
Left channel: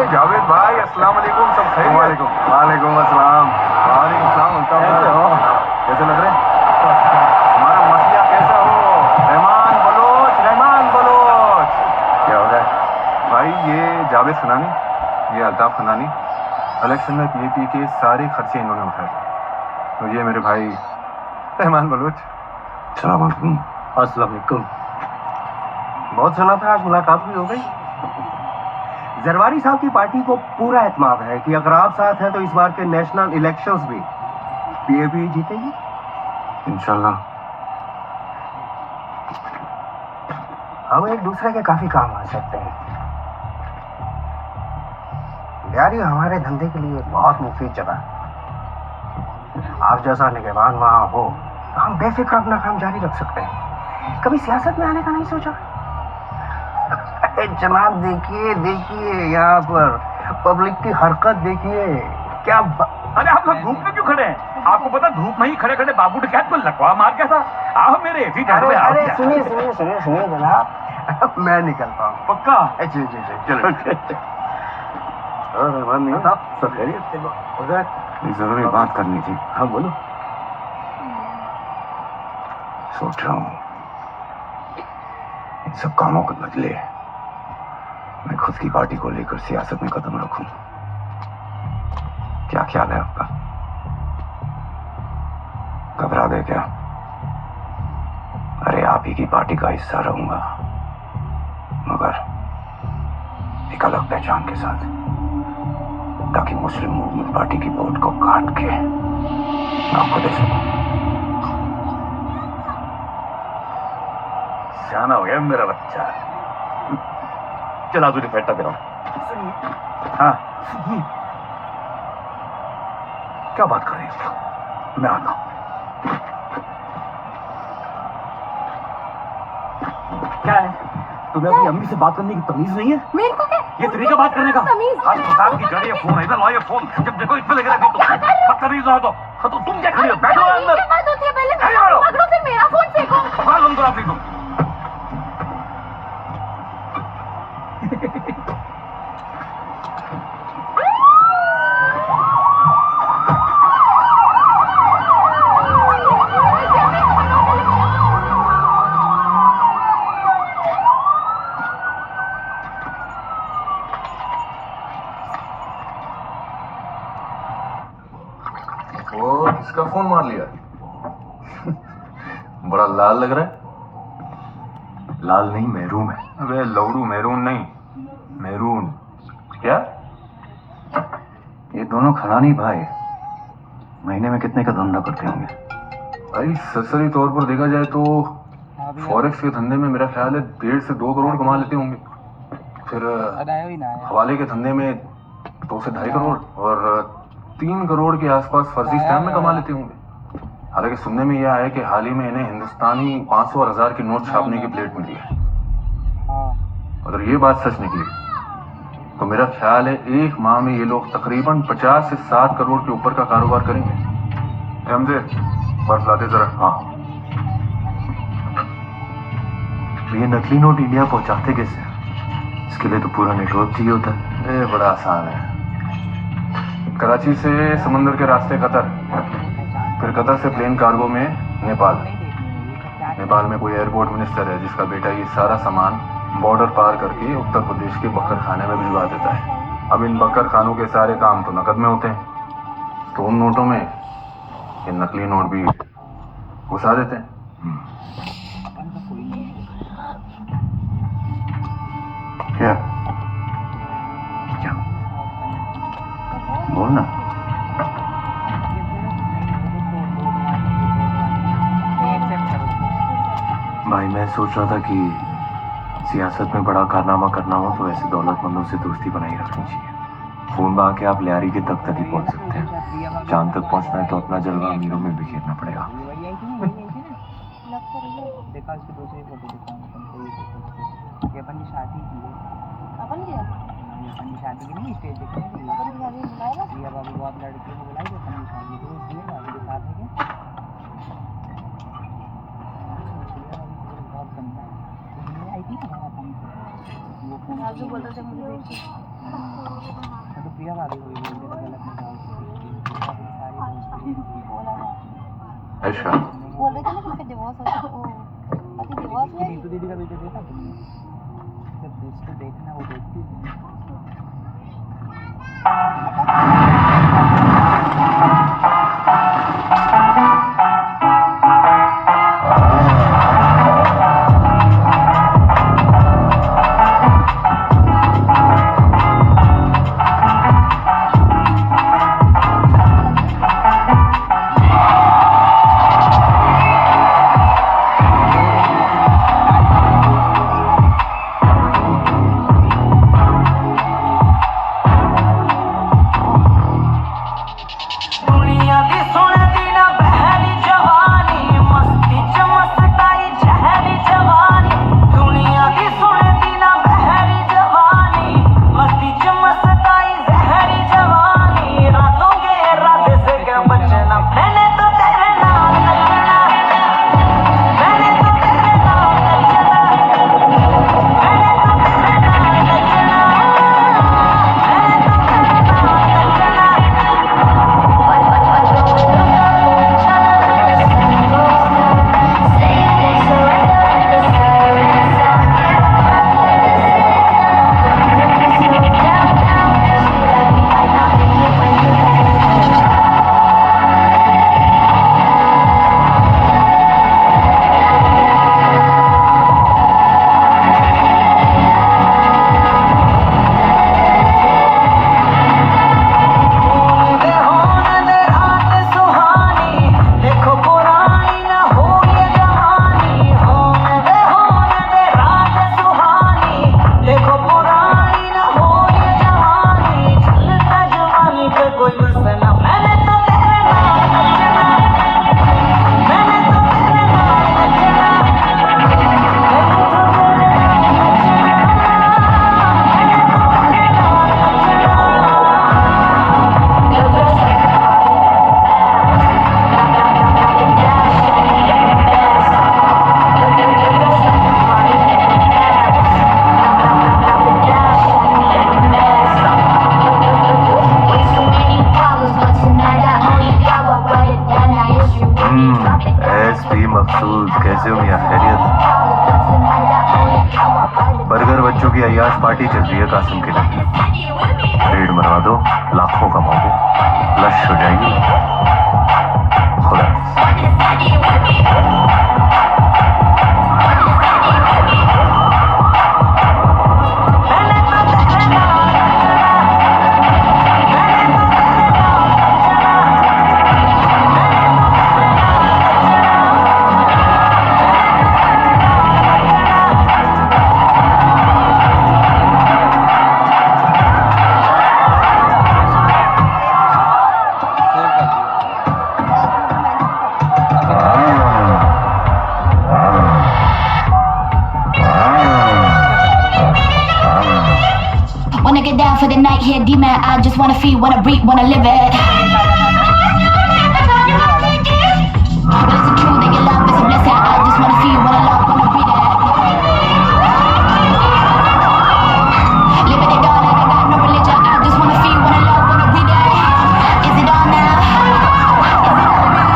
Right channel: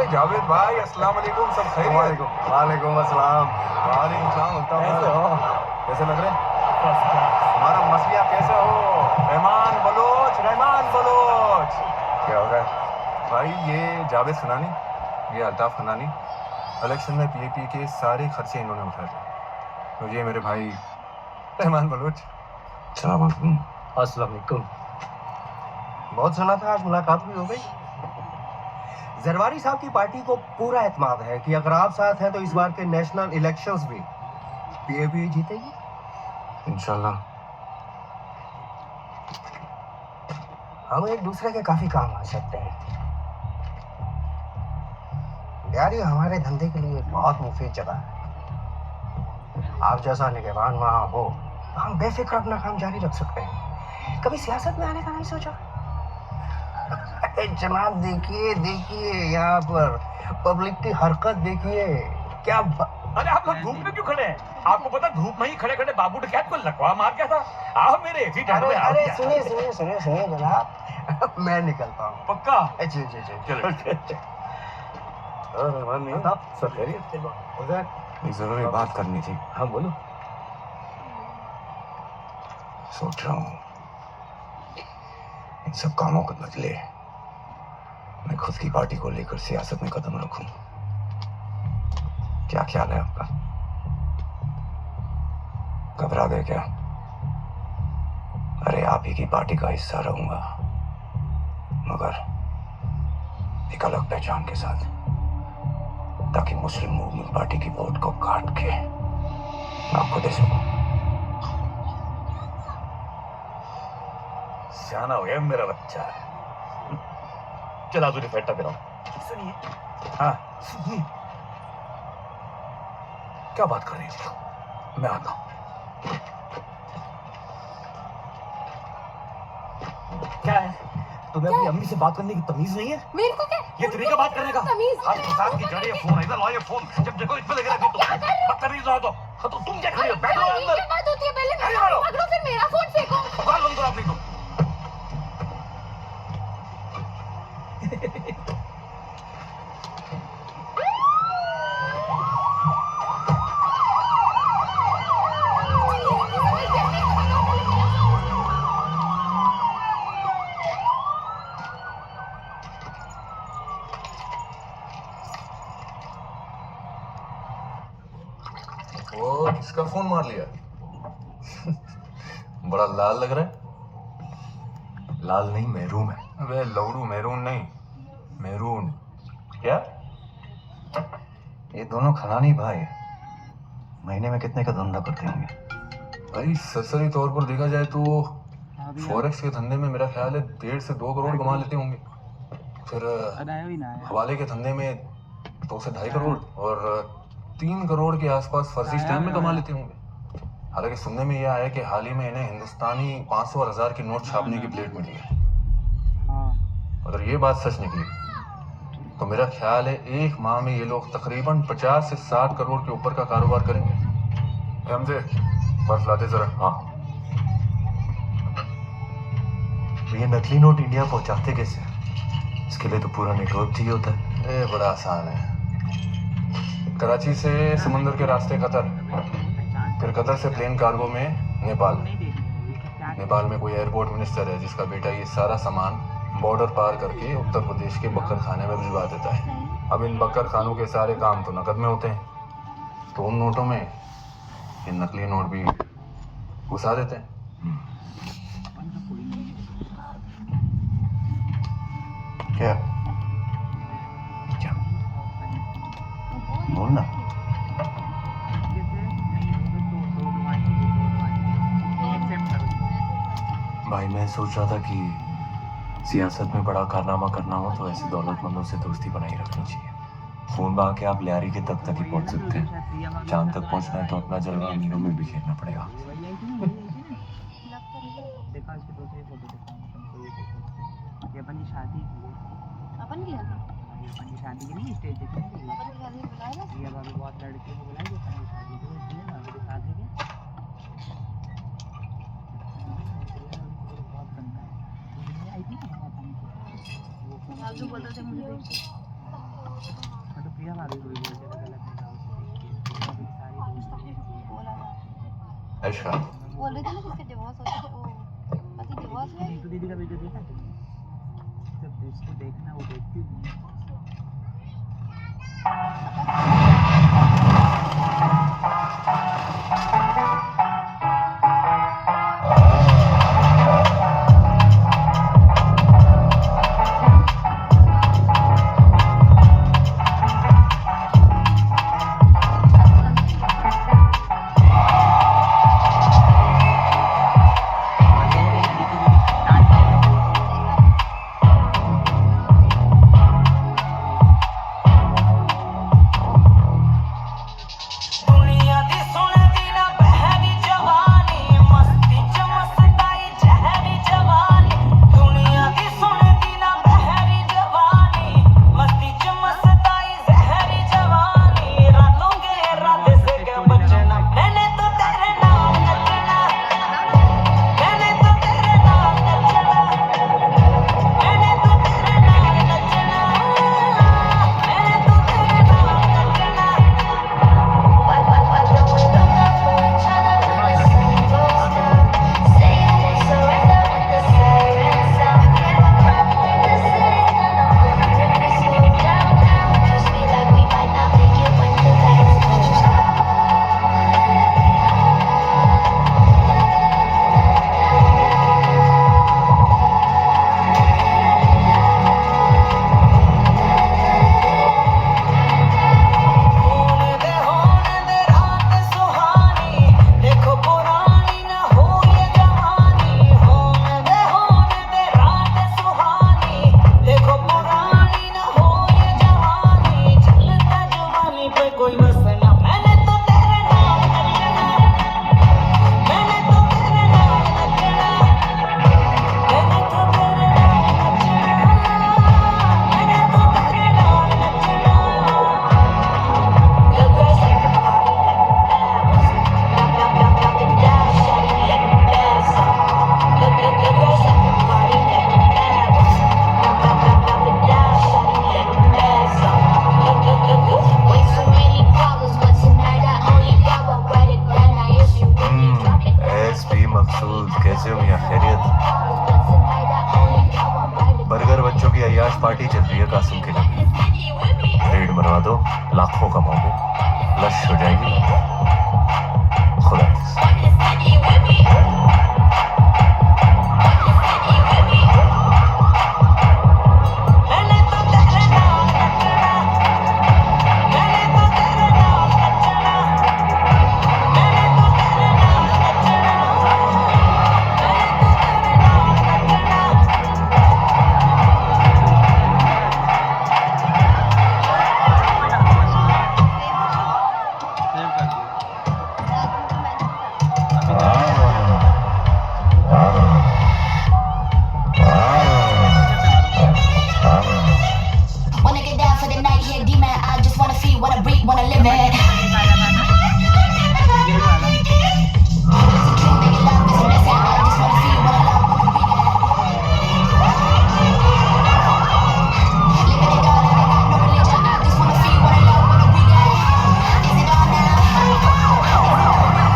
जावेद भाई अस्सलाम वालेकुम, सब खैरियत? वालेकुम वालेकुम अस्सलाम। वालेकुम सलाम। कैसे हो? कैसे लग रहे हैं? हमारा मसलिया कैसे हो? रहमान बलोच, रहमान बलोच। क्या हो रहा है भाई? ये जावेद खनानी, ये अल्ताफ खनानी, इलेक्शन में पीएपी के सारे खर्चे इन्होंने उठाए थे। तो ये मेरे भाई रहमान बलोच। अस्सलाम वालेकुम। अस्सलाम वालेकुम। बहुत सुना था, आज मुलाकात भी हो गई। जरवारी साहब की पार्टी को पूरा एतमाद है कि अगर आप साथ हैं तो इस बार के नेशनल इलेक्शंस भी पीएपी जीतेगी इंशाल्लाह। हम एक दूसरे के काफी काम आ सकते हैं। बिहारी हमारे धंधे के लिए बहुत मुफीद जगह। आप जैसा निगहबान वहां हो तो हम बेफिक्र अपना काम जारी रख सकते हैं। कभी सियासत में आने का नहीं सोचा? जनाब देखिए देखिए, यहाँ पर पब्लिक की हरकत देखिए क्या। अरे आप लोग धूप में क्यों खड़े हैं? आपको पता धूप में ही खड़े खड़े बाबू डकैत को लकवा मार गया था। आओ मेरे एसी टेंट में आओ। अरे सुनिए सुनिए सुनिए सुनिए जनाब, मैं निकलता हूँ। पक्का? जी जी जी चलो। रहमान नहीं साहब, सब खैरियत? एक जरूरी बात करनी थी। हाँ बोलो। सोच रहा हूँ इन सब कामों के बदले मैं खुद की पार्टी को लेकर सियासत में कदम रखूं। क्या ख्याल है आपका? घबरा गए क्या? अरे आप ही की पार्टी का हिस्सा रहूंगा, मगर एक अलग पहचान के साथ, ताकि मुस्लिम मूवमेंट पार्टी की वोट को काट के मैं आपको दे सकूं। सियाना हो गया मेरा बच्चा। चला तुझे फेंटा दे रहा हूं। सुनिए। हाँ सुनिए। क्या बात कर रही है? मैं आता हूं। क्या है? तुम्हें अपनी अम्मी से बात करने की तमीज नहीं है? मेरे को क्या? ये तरीका बात करने का? तमीज? हर फसाद की जड़ ये फोन है। इधर लाओ ये फोन। जब देखो इसमें लगे रहती हो। बदतमीज ना तो तुम क्या खड़ी हो? बैठो अंदर। क्या बात होती है? पहले मेरा फोन पकड़ो, फिर मेरा फोन फेंको। बात बंद करो अपनी तुम। वो किसका फोन मार लिया? बड़ा लाल लग रहा है। लाल नहीं, महरूम है। अबे लौड़ू, महरून नहीं, महरून। क्या? ये दोनों खनानी भाई महीने में कितने का धंधा करते होंगे? भाई सरसरी तौर पर देखा जाए तो फॉरेक्स के धंधे में मेरा ख्याल है 1.5 से 2 करोड़ कमा लेते होंगे। फिर हवाले के धंधे में 2 से 2.5 करोड़, और 3 करोड़ के आसपास फर्जी स्टैम्प में कमा लेते होंगे। हालांकि सुनने में यह आया कि हाल ही में इन्हें हिंदुस्तानी 500 और 1000 की नोट छापने की प्लेट मिली है। अगर ये बात सच निकली तो मेरा ख्याल है 1 माह में ये लोग तकरीबन 50 से 60 करोड़ के ऊपर का कारोबार करेंगे। हमसे बर्फ लाते जरा। हाँ, ये नकली नोट इंडिया पहुंचाते कैसे? इसके लिए तो पूरा नेटवर्क चाहिए होता है। ये बड़ा आसान है। कराची से समुंदर के रास्ते कतर, फिर कतर से प्लेन कार्गो में नेपाल, नेपाल में कोई एयरपोर्ट मिनिस्टर है जिसका बेटा ये सारा सामान बॉर्डर पार करके उत्तर प्रदेश के बकर खाने में भिजवा देता है। अब इन बकर खानों के सारे काम तो नकद में होते हैं, तो उन नोटों में ये नकली नोट भी घुसा देते हैं। क्या क्या बोलना। भाई मैं सोच रहा था कि सियासत में बड़ा कारनामा करना हो तो ऐसे दौलतमंदों से दोस्ती बनाई रखनी चाहिए। फोन में आके आप लियारी के तक ही पहुंच सकते हैं। चांद तक पहुंचना है तो अपना जलवा अमीरों में बिखेरना पड़ेगा। देखा इसको दूसरी फोटो दिखाऊं तुमको, ये देखो ये अपन की शादी की है। अपन की ये अपन की शादी की नहीं, स्टेज देखने की है। अपन की शादी में बुलाया था? ये अभी बहुत लड़कियों को बुलाई, अपन की शादी तो होती है अभी के साथ है क्या? बहुत गंदा है। ये आई थी ना हमारा काम से, वो फोन आप जो बोल रहे थे मुझे देखिए। तो प्रिया भाभी को भी बोल देगा गलत नहीं जाओ। बोला था। ऐशा बोल रहे थे ना किसका डिवोर्स हो गया, ओ पति डिवोर्स हुआ है। नीतू दीदी का वीडियो देखा तुमने? जब उसको देखना वो देखती नहीं। कैसे हो मियां, खैरियत? बर्गर बच्चों की अय्याश पार्टी चल रही है कासिम के लिए। रेड मरवा दो, लाखों कमाओगे, लश हो जाएगी। खुदा Wanna get down for the night here, D-man. I just wanna feel, wanna breathe, wanna live it. It's a true that your love is a blessing. I just wanna feel, wanna love, wanna breathe it. Living it all, I got no religion. I just wanna feel, wanna love, wanna breathe it. Is it on now? Is it on now? Get it on now.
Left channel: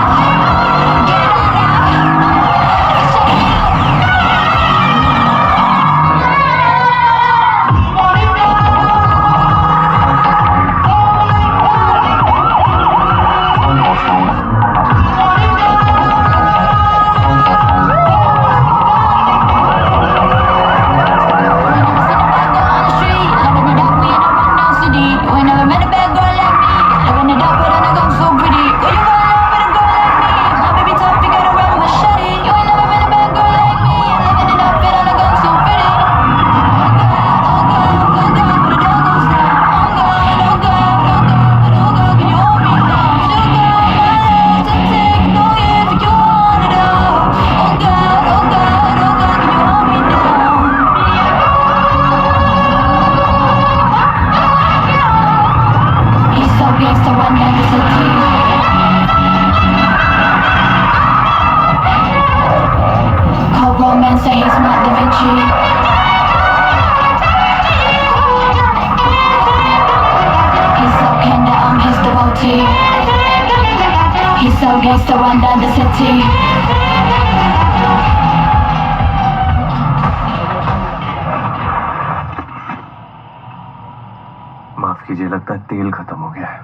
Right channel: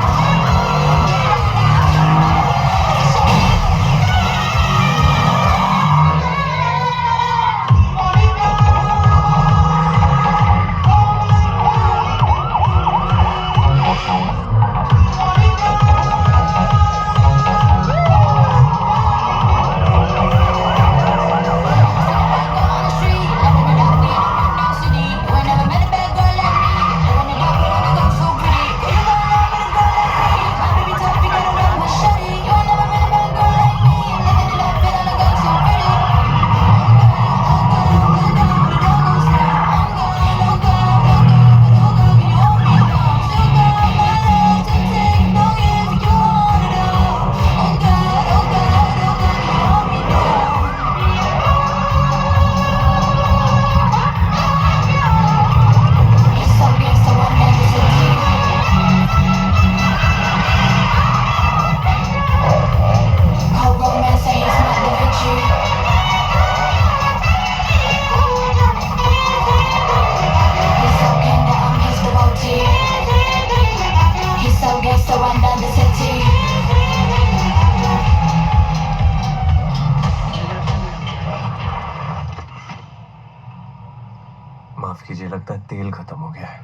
कीजिए, लगता है तेल खत्म हो गया है।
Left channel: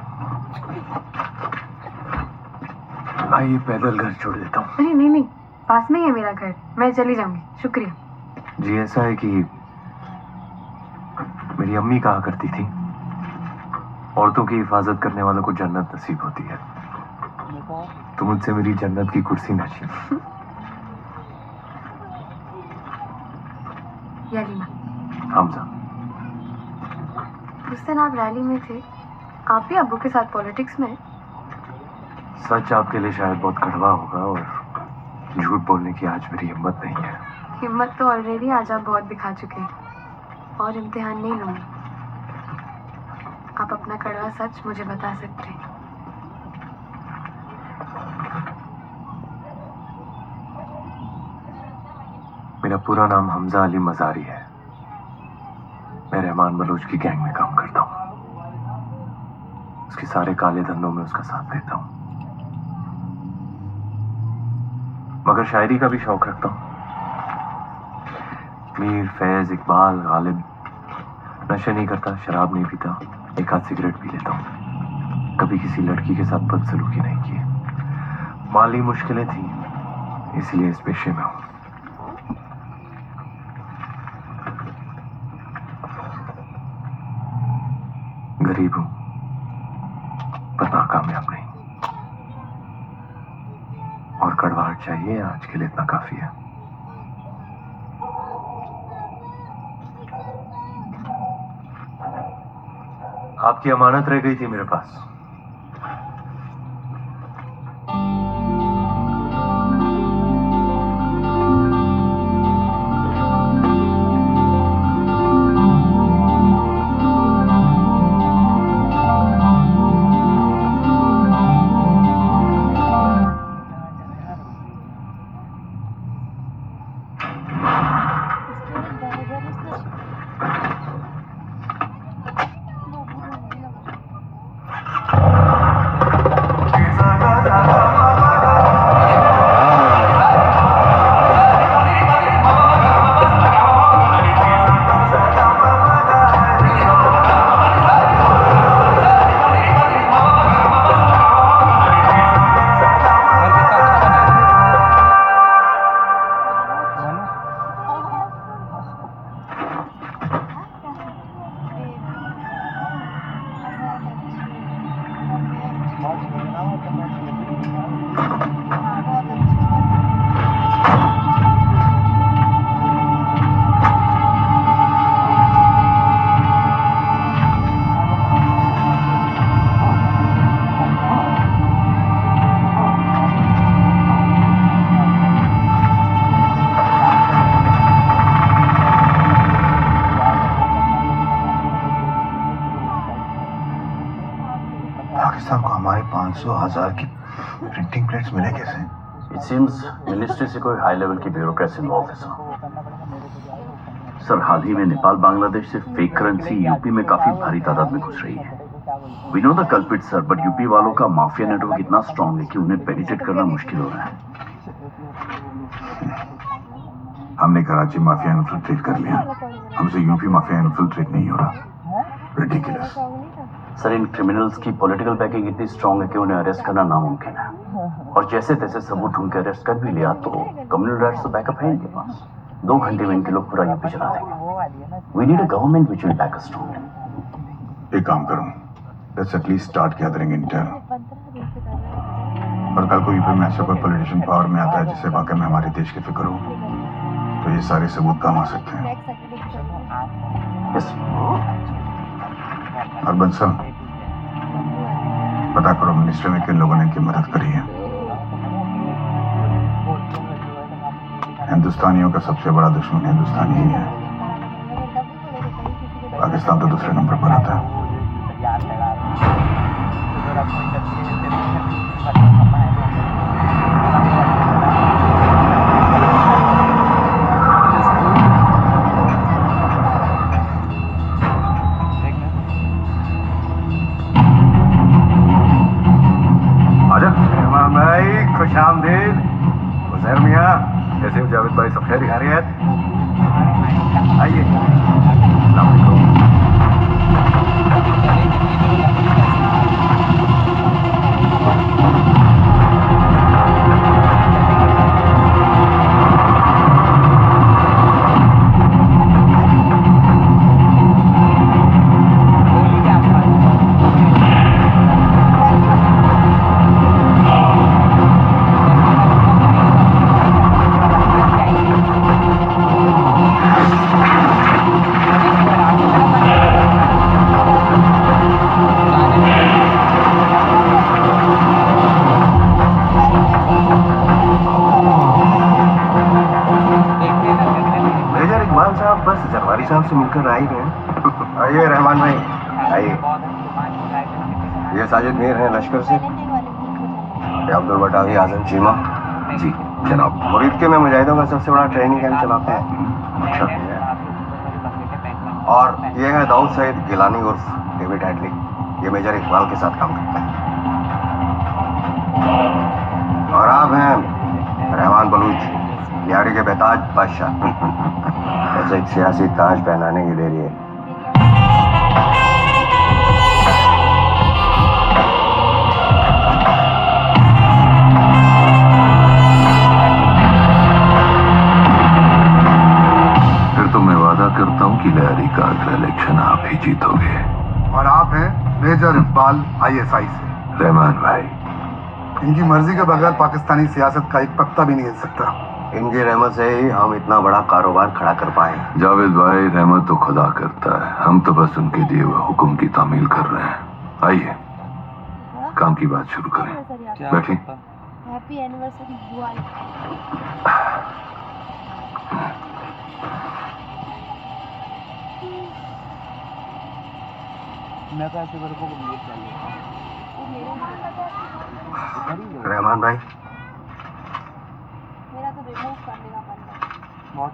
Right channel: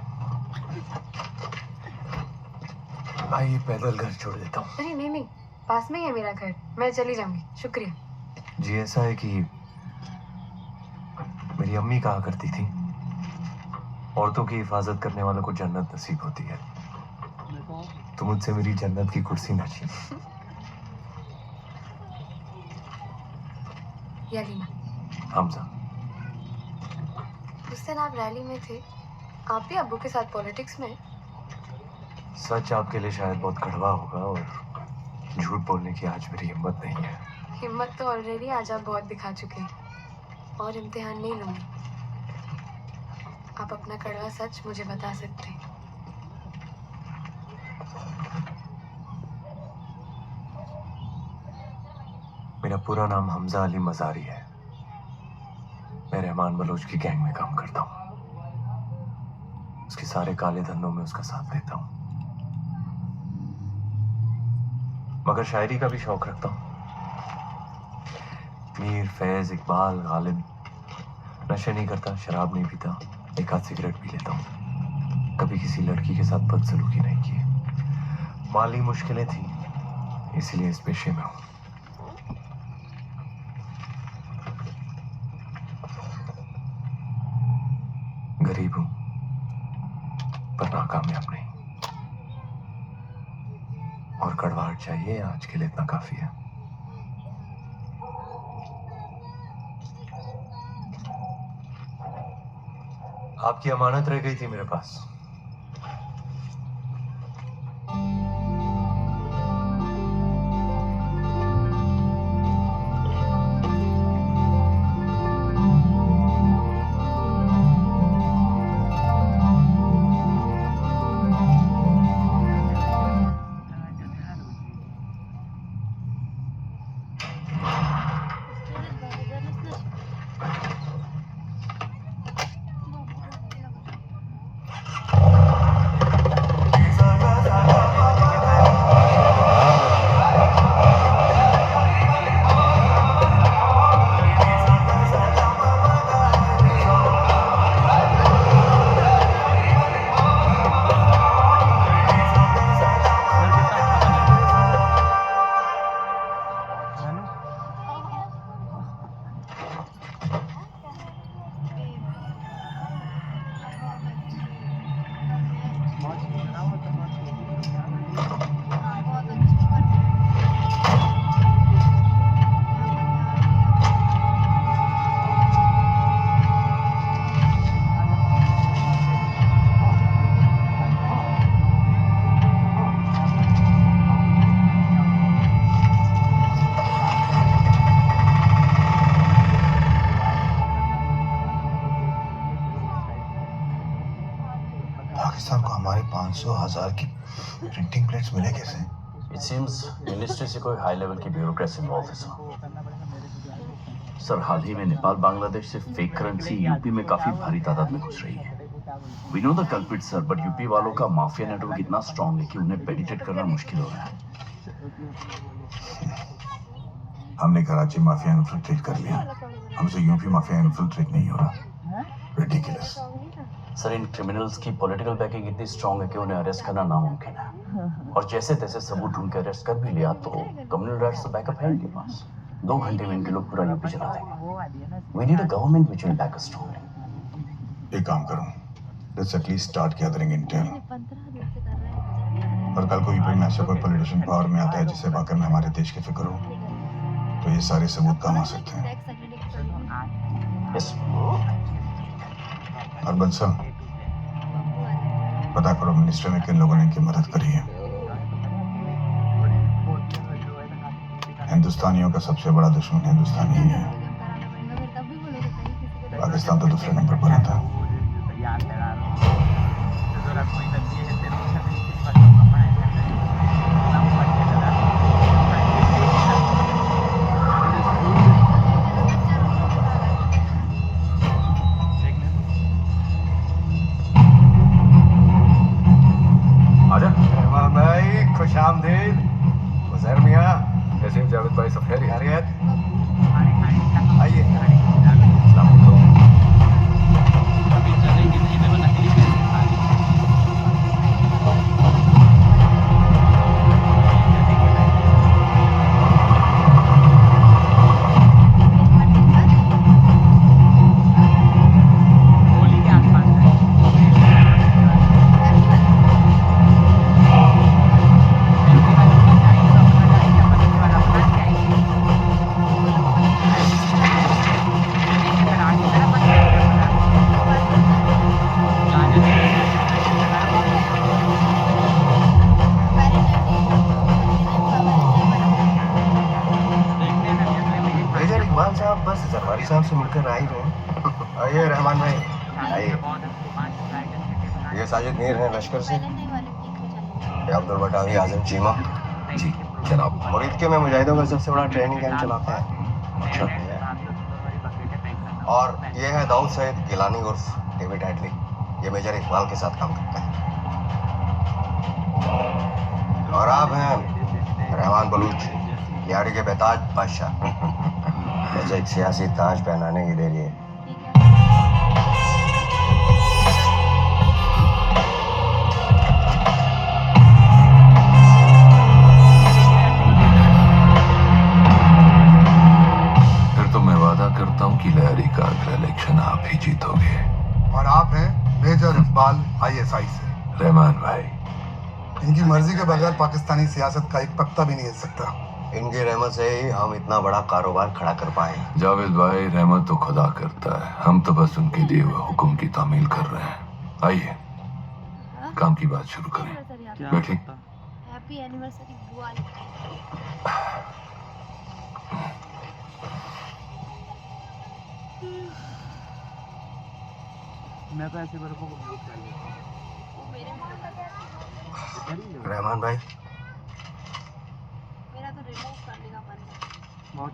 आइए पैदल घर छोड़ देता हूँ। अरे नहीं नहीं, पास में ही है मेरा घर, मैं चली जाऊंगी, शुक्रिया। जी ऐसा है कि मेरी अम्मी कहा करती थी, औरतों की हिफाजत करने वालों को जन्नत नसीब होती है। तो मुझसे मेरी जन्नत की कुर्सी न छीन। हमजा, उस दिन आप रैली में थे, आप भी अब्बू के साथ पॉलिटिक्स में? सच आपके लिए शायद बहुत कड़वा होगा और झूठ बोलने की आज मेरी हिम्मत नहीं है। हिम्मत तो ऑलरेडी आज आप बहुत दिखा चुके हैं, और इम्तिहान नहीं लूंगी। आप अपना कड़वा सच मुझे बता सकते हैं। मेरा पूरा नाम हमजा अली मजारी है। मैं रहमान बलोच की गैंग में काम करता हूँ। उसके सारे काले धंधों में उसका साथ देता हूँ, मगर शायरी का भी शौक रखता हूँ। मीर, फैज, इकबाल, गालिब। नशे नहीं करता, शराब नहीं पीता, एक आध सिगरेट पी लेता हूँ। कभी किसी लड़की के साथ बदसलूकी नहीं की। माली मुश्किलें थी, इसलिए इस पेशे में हूँ। गरीब हूं, पर नाकामयाब नहीं। और कड़वाहट चाहिए, आज के लिए इतना काफी है। आपकी अमानत रह गई थी मेरे पास। पाकिस्तान को हमारे 500,000 की प्रिंटिंग प्लेट्स मिले कैसे? इट सीम्स मिनिस्ट्री से कोई हाई लेवल की ब्यूरोक्रेसी इन्वॉल्व है सर। हाल ही में नेपाल बांग्लादेश से फेक करेंसी यूपी में काफी भारी तादाद में घुस रही है। We know the culprit sir, but UP वालों का माफिया नेटवर्क इतना स्ट्रांग है कि उन्हें पेनिट्रेट करना मुश्किल हो रहा है। हमने कराची माफिया इन्फिल्ट्रेट कर लिया, हमसे यूपी माफिया इन्फिल्ट्रेट नहीं हो रहा। रिडिकुलस। सर, इन क्रिमिनल्स की पॉलिटिकल बैकिंग इतनी स्ट्रांग है कि उन्हें अरेस्ट करना नामुमकिन है। और जैसे तैसे सबूत ढूंढ के अरेस्ट कर भी लिया तो कम्युनल राइट्स तो बैकअप है इनके पास। 2 घंटे में इनके लोग पूरा यूपी चला देंगे। We need a government which will back us strongly. एक काम करूं, let's at least start gathering intel. और कल को यूपी में ऐसा कोई पॉलिटिशियन पावर में आता है जिससे वाकई में हमारे देश की फिक्र हो, तो ये सारे सबूत काम आ सकते हैं। यस। और बंसल, पता करो मिनिस्ट्री में किन लोगों ने की मदद करी है। हिंदुस्तानियों का सबसे बड़ा दुश्मन हिंदुस्तानी ही है, पाकिस्तान तो दूसरे नंबर पर आता है। खुशामदीद उजैर मियां, कैसे हो जावेद भाई? सब खैरियत? आइए। अस्सलाम वालेकुम। साहब से मिलकर आ ही रहे हैं। आइए रहमान भाई, आइए। ये साजिद मीर हैं लश्कर से, ये अब्दुल बटावी आजम चीमा। जी जनाब। और ईद के में मुजाहिदों का सबसे बड़ा ट्रेनिंग कैंप चलाते हैं। अच्छा। और ये है दाऊद सईद गिलानी उर्फ डेविड हेडली, ये मेजर इकबाल के साथ काम करता है। और आप हैं रहमान बलूच, यारी के बेताज बादशाह। ऐसे एक सियासी ताज पहनाने की देरी है। फिर तो मैं वादा करता हूँ कि लहरी का अगला इलेक्शन आप ही जीतोगे। और आप हैं मेजर इकबाल ISI से। रहमान भाई, इनकी मर्जी के बगैर पाकिस्तानी सियासत का एक पत्ता भी नहीं हिल सकता। इनकी रहमत से ही हम इतना बड़ा कारोबार खड़ा कर पाए। जावेद भाई, रहमत तो खुदा करता है, हम तो बस उनके दिए हुए हुक्म की तामील कर रहे हैं। आइए काम की बात शुरू करें। बैठिए। हैप्पी एनिवर्सरी बुआ। मैं तो ऐसे को म्यूट कर लेता हूँ। रहमान भाई, मेरा तो रिमूव करने का मन है। बहुत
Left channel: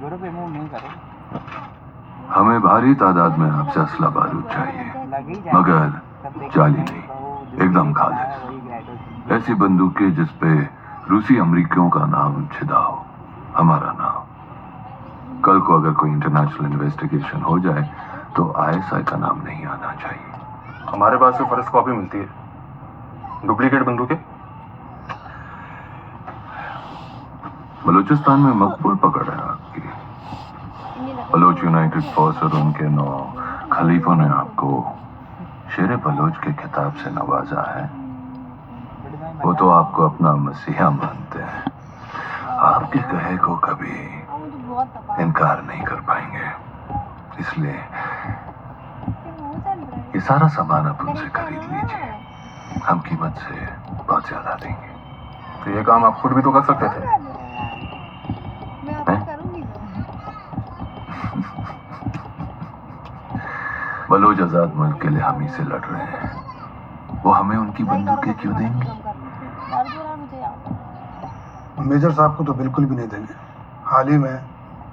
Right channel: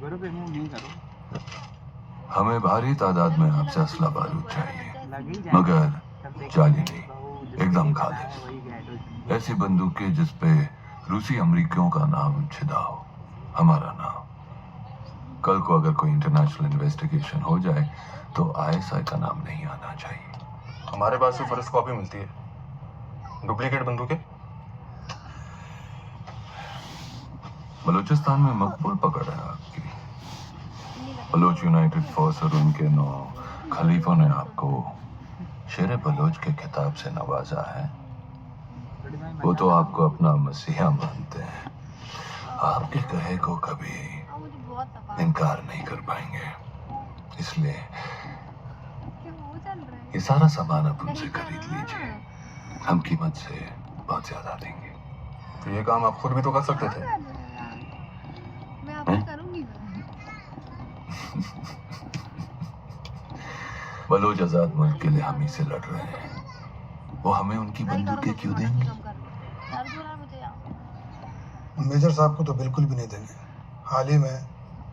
गुरु रिमूव नहीं करो। हमें भारी तादाद में आपसे असला बारूद चाहिए, मगर जाली नहीं, एकदम खालिस। ऐसी बंदूकें जिस पे रूसी अमरीकियों का नाम छिदा हो, हमारा नाम। कल को अगर कोई इंटरनेशनल इन्वेस्टिगेशन हो जाए तो ISI का नाम नहीं आना चाहिए। हमारे पास से फर्स्ट कॉपी मिलती है, डुप्लीकेट बंदूकें। बलूचिस्तान में मकबूल पकड़ है आपकी। बलोच यूनाइटेड फोर्स और उनके 9 खलीफों ने आपको शेर बलोच के खिताब से नवाजा है। वो तो आपको अपना मसीहा मानते हैं, आपके कहे को कभी इनकार नहीं कर पाएंगे। इसलिए ये सारा सामान आप उनसे खरीद लीजिए, हम कीमत से बहुत ज्यादा देंगे। तो ये काम आप खुद भी तो कर सकते थे। बलोच आजाद मुल्क के लिए हम ही से लड़ रहे हैं, वो हमें उनकी बंदूकें क्यों देंगे? मेजर साहब को तो बिल्कुल भी नहीं देंगे। हाल ही में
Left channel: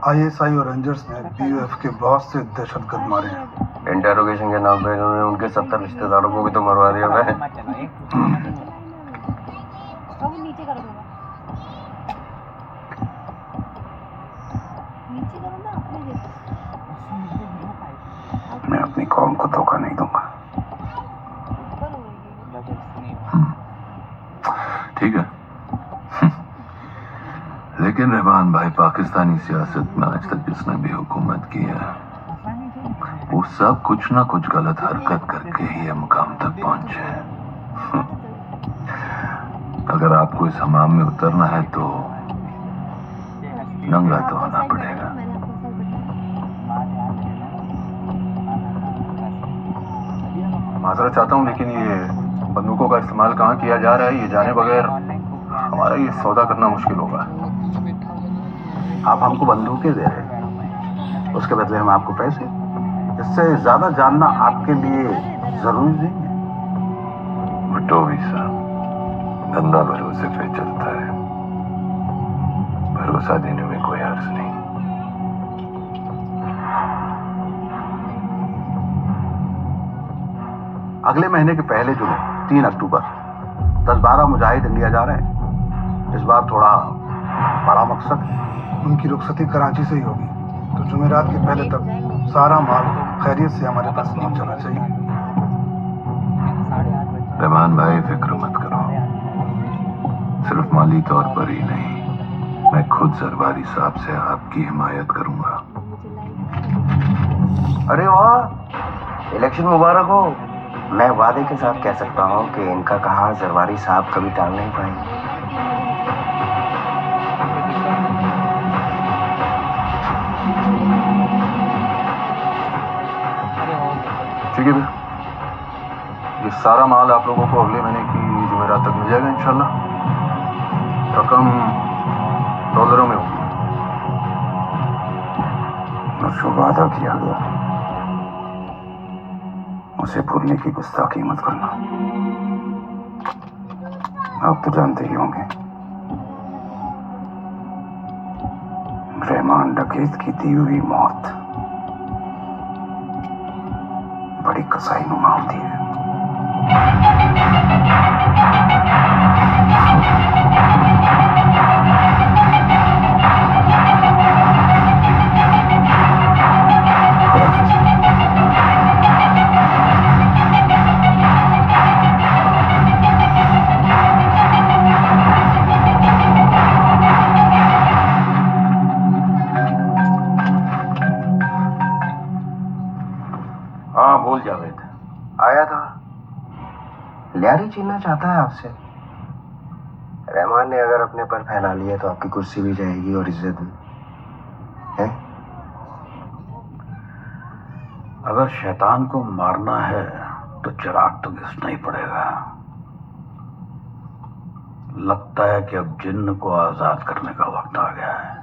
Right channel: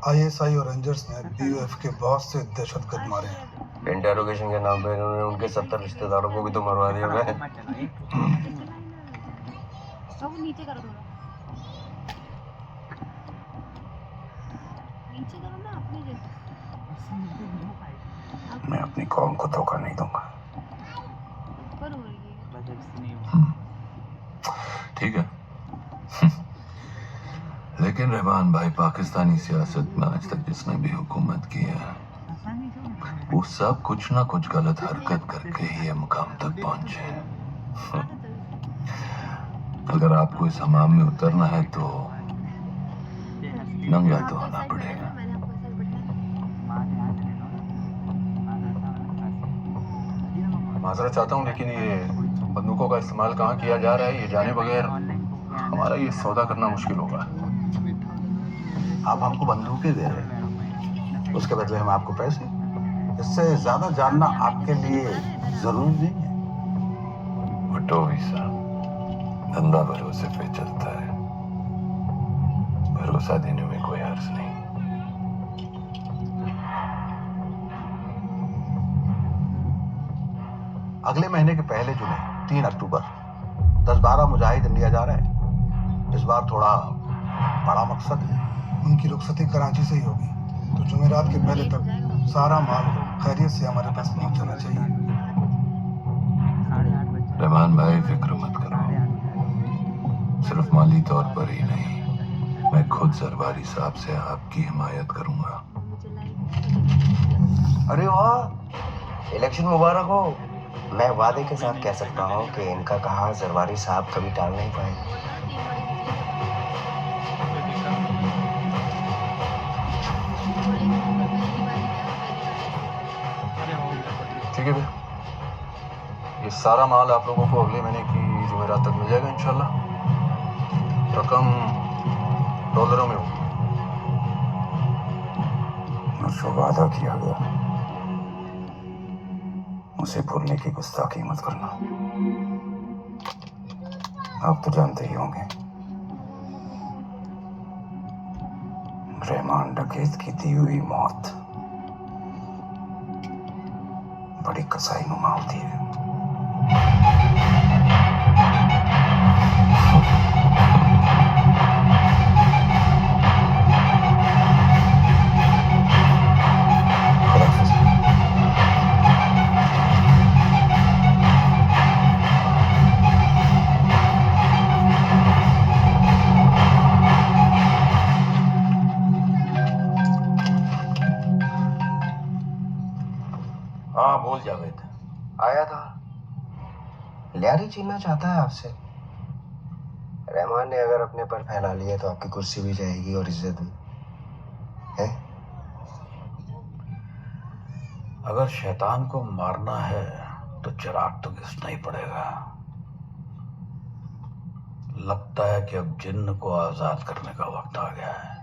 ISI और रेंजर्स ने BOF के बहुत से दहशतगर्द मारे हैं। इंटेरोगेशन के नाम पे इन्होंने उनके 70 रिश्तेदारों को भी तो मरवा दिया। मैं नीचे करो थोड़ा, नीचे करो ना अपने जैसे। मैं अपनी कौम को धोखा नहीं दूंगा। ठीक है। लेकिन रहमान भाई, पाकिस्तानी सियासत में आज तक जिसने भी हुकूमत की है, वो सब कुछ ना कुछ गलत हरकत करके ही ये मुकाम तक पहुंचे। अगर आपको इस हमाम में उतरना है तो नंगा तो होना पड़ेगा। माजरत चाहता हूँ, लेकिन ये बंदूकों का इस्तेमाल कहाँ किया जा रहा है ये जाने बगैर हमारा ये सौदा करना मुश्किल होगा। आप हमको बंदूकें दे रहे हैं, उसके बदले हम आपको पैसे। इससे ज्यादा जानना आपके लिए जरूरी नहीं है। भुट्टोवी साहब, धंधा भरोसे पे चलता है, भरोसा देने में कोई हर्ज नहीं। अगले महीने के पहले जुमे 3 अक्टूबर 10-12 मुजाहिद इंडिया जा रहे हैं। इस बार थोड़ा बड़ा मकसद है। उनकी रुखसती कराची से ही होगी, तो जुमेरात के पहले तक सारा माल खैरियत से हमारे पास पहुंच जाना चाहिए। रहमान भाई, फिक्र मत करो, सिर्फ माली तौर पर ही नहीं, मैं खुद जरवारी साहब से आपकी हिमायत करूंगा। अरे वाह, इलेक्शन मुबारक हो। मैं वादे के साथ कह सकता हूँ कि इनका कहा जरवारी साहब कभी टाल नहीं पाएंगे। ठीक है भैया, ये सारा माल आप लोगों को अगले महीने की जुमेरात तक मिल जाएगा इंशाल्लाह। रकम डॉलरों में होगी। वादा किया गया उसे भूलने की गुस्ताखी मत करना। आप तो जानते ही होंगे रहमान डकैत की दी हुई मौत बड़ी कसाईनुमा होती है। हाँ बोल जावेद। आया था, लियारी छीनना चाहता है आपसे। रहमान ने अगर अपने पर फैला लिया तो आपकी कुर्सी भी जाएगी और इज्जत भी है। अगर शैतान को मारना है तो चिराग तो घिसना ही पड़ेगा। लगता है कि अब जिन्न को आजाद करने का वक्त आ गया है।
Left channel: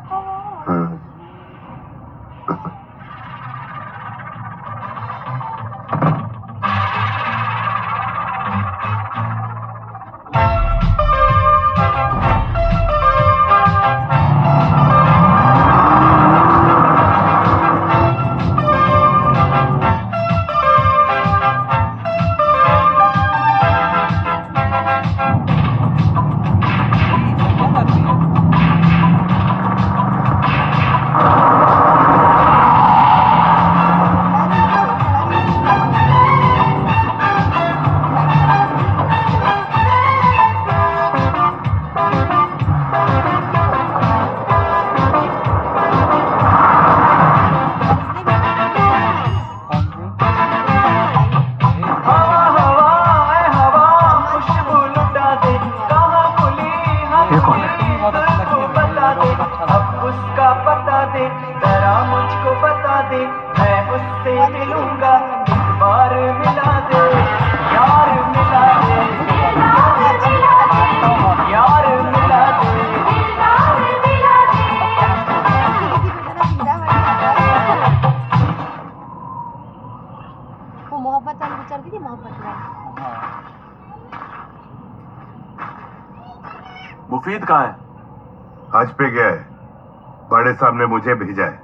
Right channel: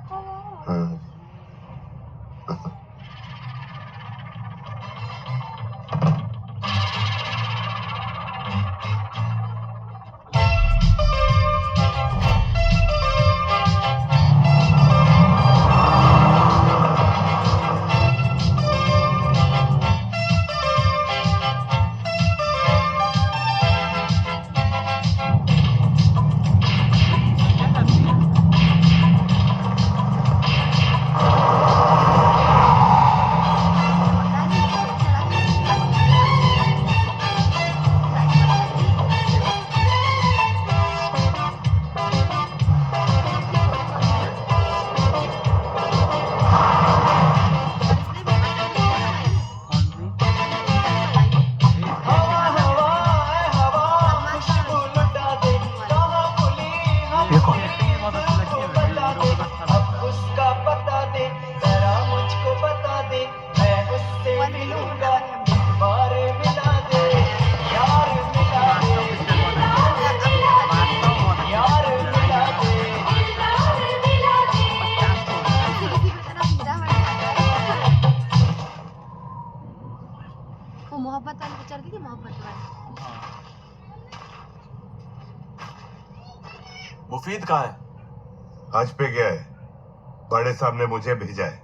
वो मोहब्बत वाली पिक्चर की थी, मोहब्बत वाली। मुफीद कहाँ है? हज पे गया है। बड़े साहब ने मुझे भेजा है।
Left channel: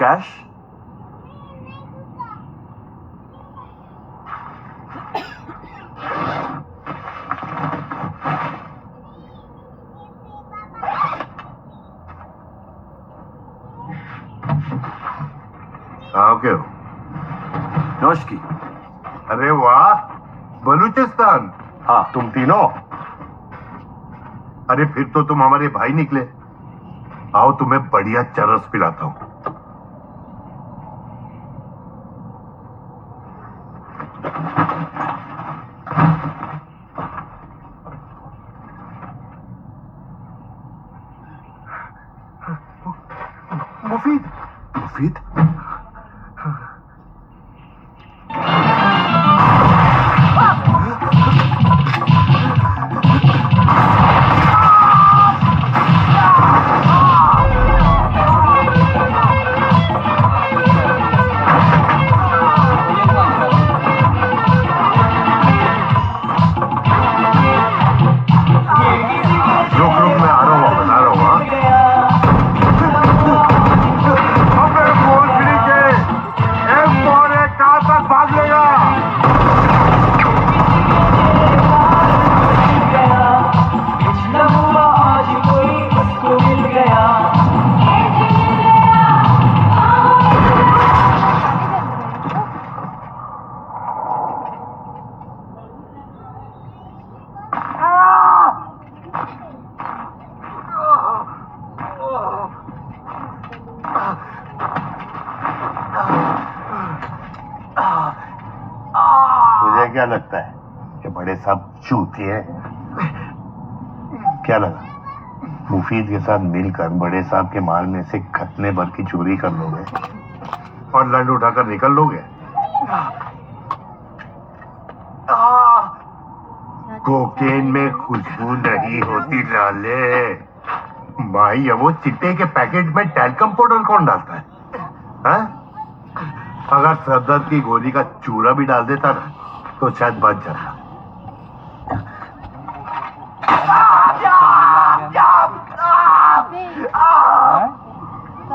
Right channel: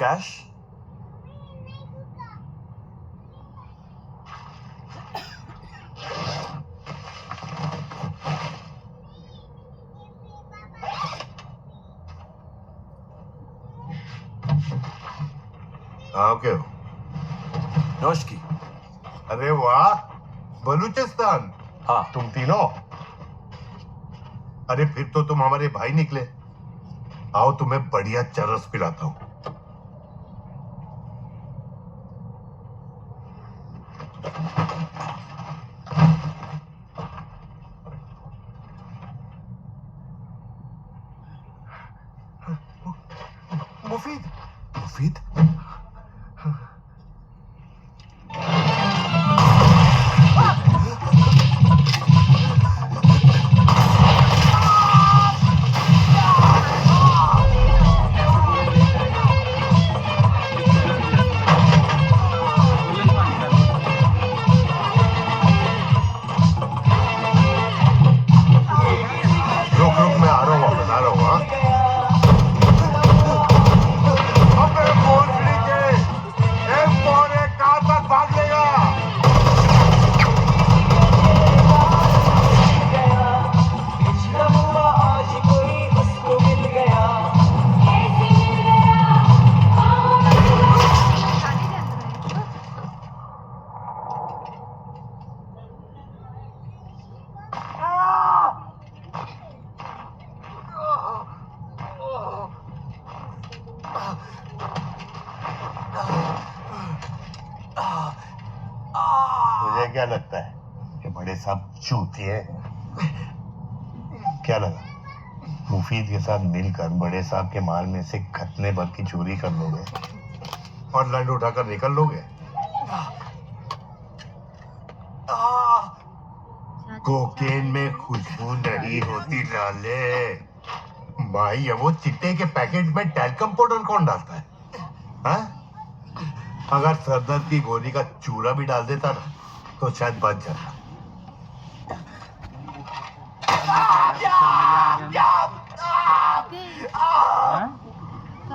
कैश? आओ क्यों? नौश की। अरे वाह, बलूचिस्तान। हाँ। तुम तीनों? अरे फिर तो तुम हमारे भाई निकले। आओ तुम्हें बढ़िया चरस पिलाता हूं। मुफीद, मुफीद। मुझे क्या लगता है कि बड़े साहब चूतिए हैं? क्या लगा मुफीद के साथ मिलकर बड़े साहब के माल में से खतने भर की चोरी कर लोगे और लंड उठाकर निकल लोगे? कोकेन में खुशबू नहीं होती लाले। भाई वो चिट्टे के पैकेट में टैल्कम पाउडर कौन डालता है? हैं? अगर सरदर्द की गोली का चूरा भी डाल देता ना तो शायद बच जाता।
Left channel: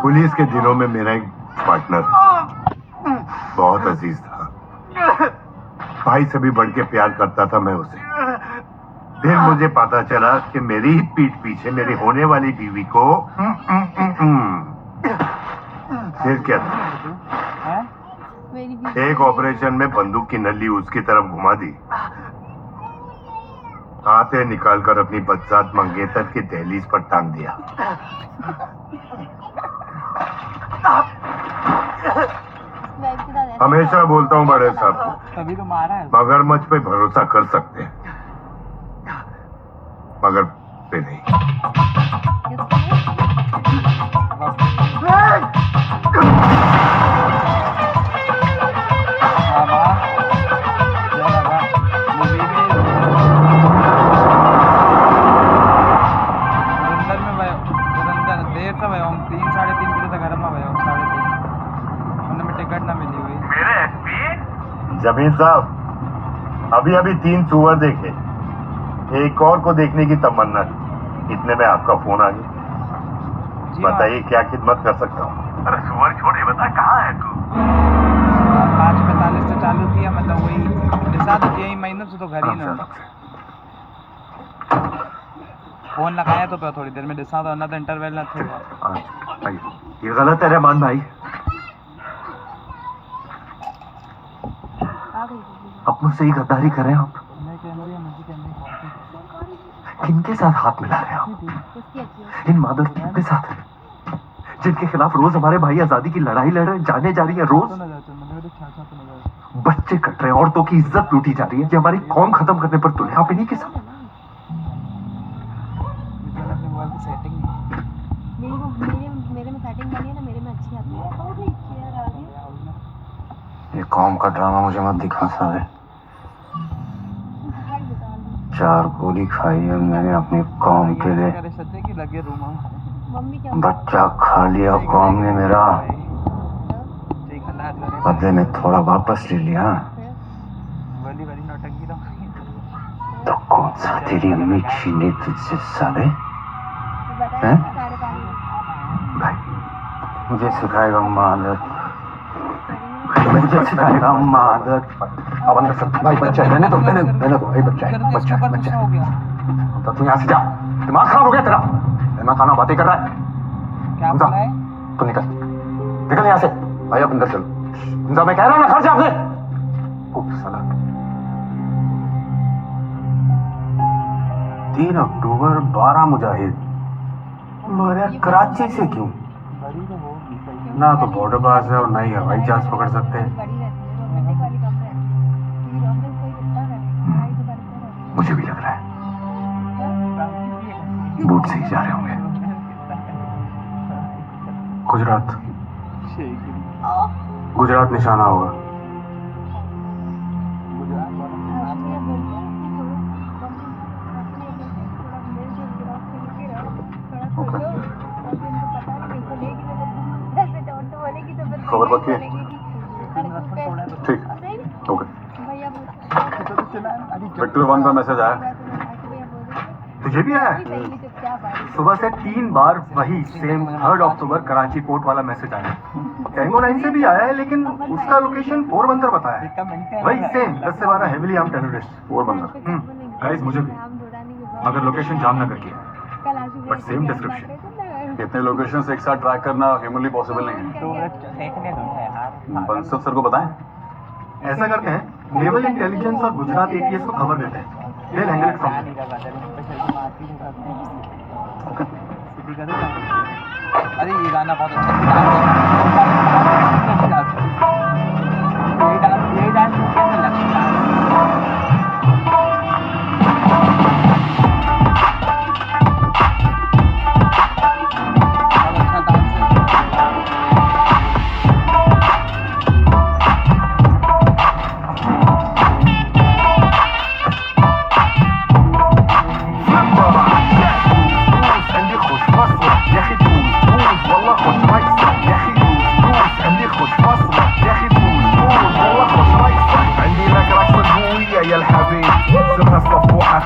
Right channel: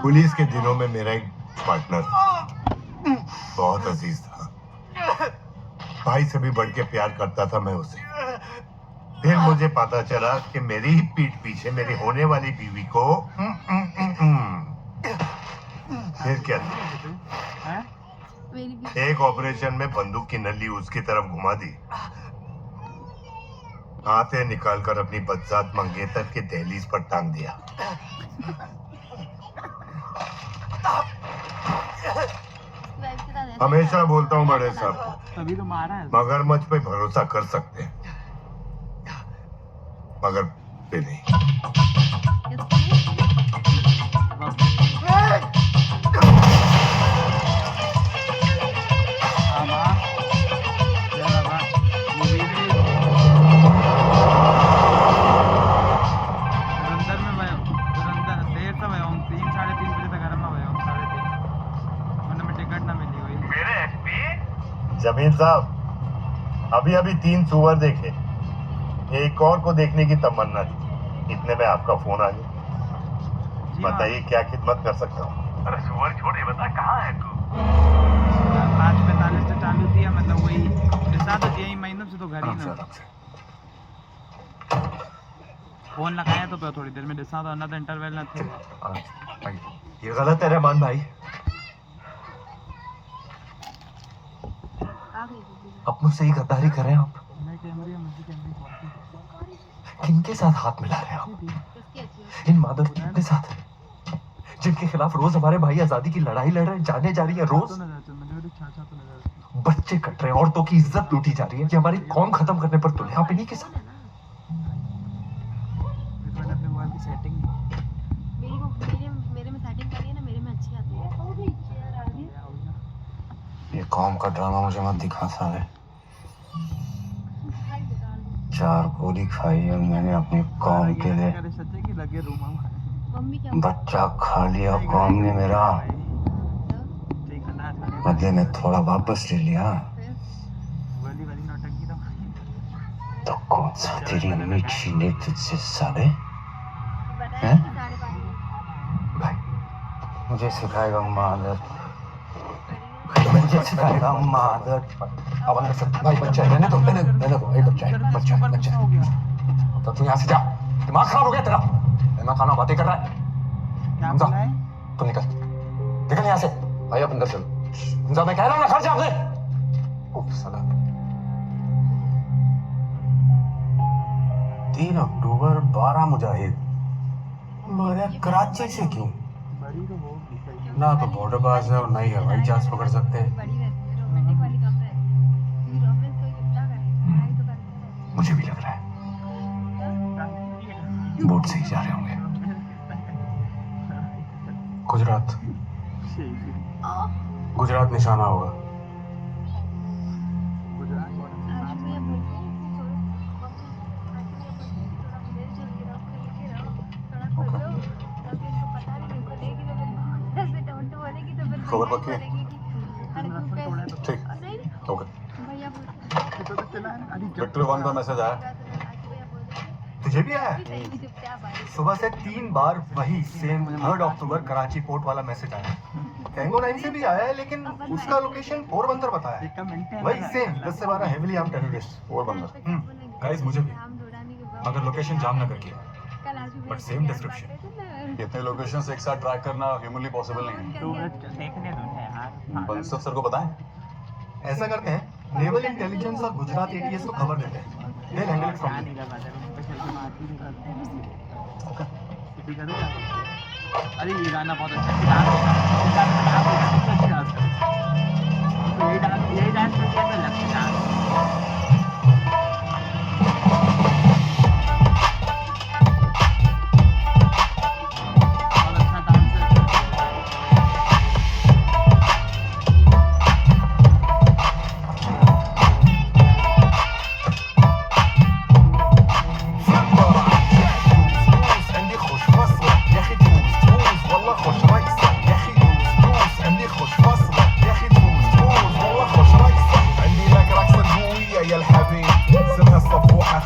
पुलिस के दिनों में मेरा एक पार्टनर था, बहुत अजीज था, भाई से भी बढ़ के प्यार करता था मैं उसे। फिर मुझे पता चला कि मेरी ही पीठ पीछे मेरी होने वाली बीवी को फिर क्या था? एक ऑपरेशन में बंदूक की नली उसकी तरफ घुमा दी, हाथे निकालकर अपनी बदजात मंगेतर की दहलीज पर टांग दिया। हमेशा बोलता हूँ बड़े साहब, मगरमच्छ पे भरोसा कर सकते हैं मगर पे नहीं। जमीन साहब, अभी अभी 3 सुअर देखे, एक और को देखने की तमन्ना थी, इतने में आपका फोन आ गया। बताइए क्या खिदमत कर सकता हूँ? अरे सुअर छोड़े, बता कहाँ है तू? 5:45 से चालू किया, मतलब वही दिशा तो 6 महीनों से तो घर ही ना। फोन लगाया तो थोड़ी देर में दिशा तो ना इंटरवल ना थे। ये गलत है रहमान भाई, अपनों से ही गद्दारी कर रहे हैं आप। किनके साथ हाथ मिला रहे हैं आप? इन मादरचोदों के साथ जिनके खिलाफ रोज हमारे भाई आजादी की लड़ाई लड़ रहे हैं, जाने जा रही है, रोज बच्चे कट रहे हैं, औरतों की इज्जत लूटी जा रही है। ये हमारी कौम खत्म करने पर तुले आप इन्हीं के साथ। मेरे में सेटिंग बनी है ना, मेरे में अच्छी आती है। ये कौम का ड्रामा मुझे मत दिखा सारे। 4 गोली खाई है मैंने अपनी कौम के लिए, बच्चा खा लिया कौम ने मेरा, बदले में थोड़ा वापस ले लिया। तो कौन सा तेरी अम्मी छीने तुझसे साले? हैं? भाई मुझे सिखाएगा मादर, मुझे सिखाएगा मादर। अब अंदर से भाई बच्चा है, रहने दो भाई, बच्चा है। तो तू यहाँ से जा, दिमाग खराब हो गया तेरा। मैं खाना बातें कर रहा है, हमजा तू निकल यहाँ से भाई, अब अंदर चल। हमजा मैं कह रहा हूँ ना, घर जा अपने। साला 3 अक्टूबर 12 मुजाहिद मगर कराची से क्यों? ना तो बॉर्डर पास है और ना ही हवाई जहाज पकड़ सकते हैं। मुझे भी लग रहा है बोट से ही जा रहे होंगे। गुजरात निशाना होगा। खबर पक्की है? ठीक, ओके। विक्टर 1 का मैसेज आया। तुझे भी आया? सुबह से 3 बार वही सेम 3 अक्टूबर कराची पोर्ट वाला मैसेज आया। टैंगो 9 से भी आया है, लेकिन उसका लोकेशन पोरबंदर बताया है। वही सेम 10 से 12 heavily armed terrorist Porbandar. Guys मुझे भी, मगर लोकेशन जामनगर की है, बट सेम डिस्क्रिप्शन। इतने लोकेशंस एक साथ ट्रैक करना ह्यूमनली पॉसिबल नहीं है। बंसल सर को बताएं। ऐसा करते हैं, नेवल इंटेलिजेंस और गुजरात एटीएस को खबर देते हैं। They'll handle it from there. अरे ये गाना बहुत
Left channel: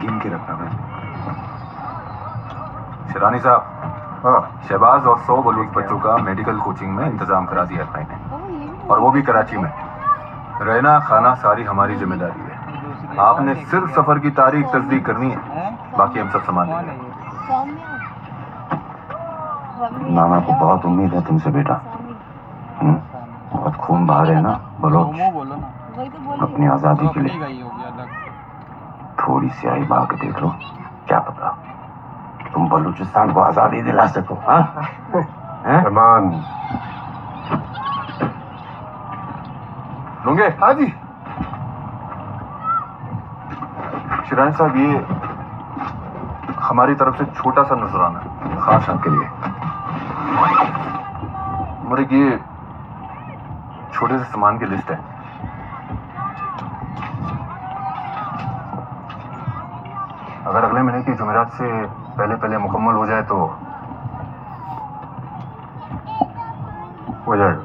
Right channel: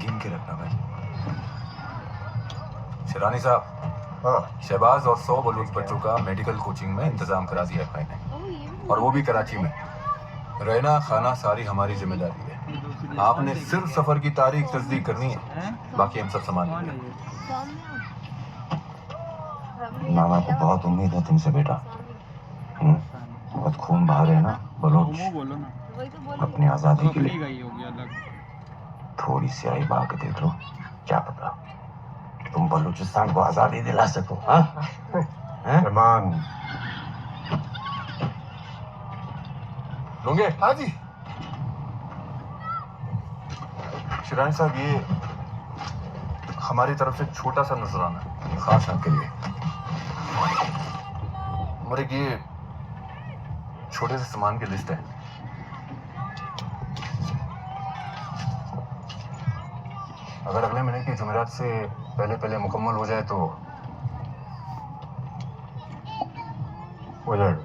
गिन के रखना भाई शिरानी साहब हाँ शहबाज और 100 बलूच बच्चों का मेडिकल कोचिंग में इंतजाम करा दिया है भाई ने और वो भी कराची में रहना खाना सारी हमारी जिम्मेदारी है आपने सिर्फ सफर की तारीख तस्दीक करनी है बाकी हम सब संभाल लेंगे नाना को बहुत उम्मीद है तुमसे बेटा बहुत खून बहा रहे ना बलोच अपनी आजादी के लिए थोड़ी सी आई बहा के देख लो क्या पता तुम बलूचिस्तान को आजादी दिला सको हाँ रहमान लूंगे हाँ जी शिरानी साहब ये हमारी तरफ से छोटा सा नजराना खास आपके लिए मेरे ये छोटे से सामान की लिस्ट है अगर अगले महीने की जुमेरात से पहले मुकम्मल हो जाए तो हो जाएगा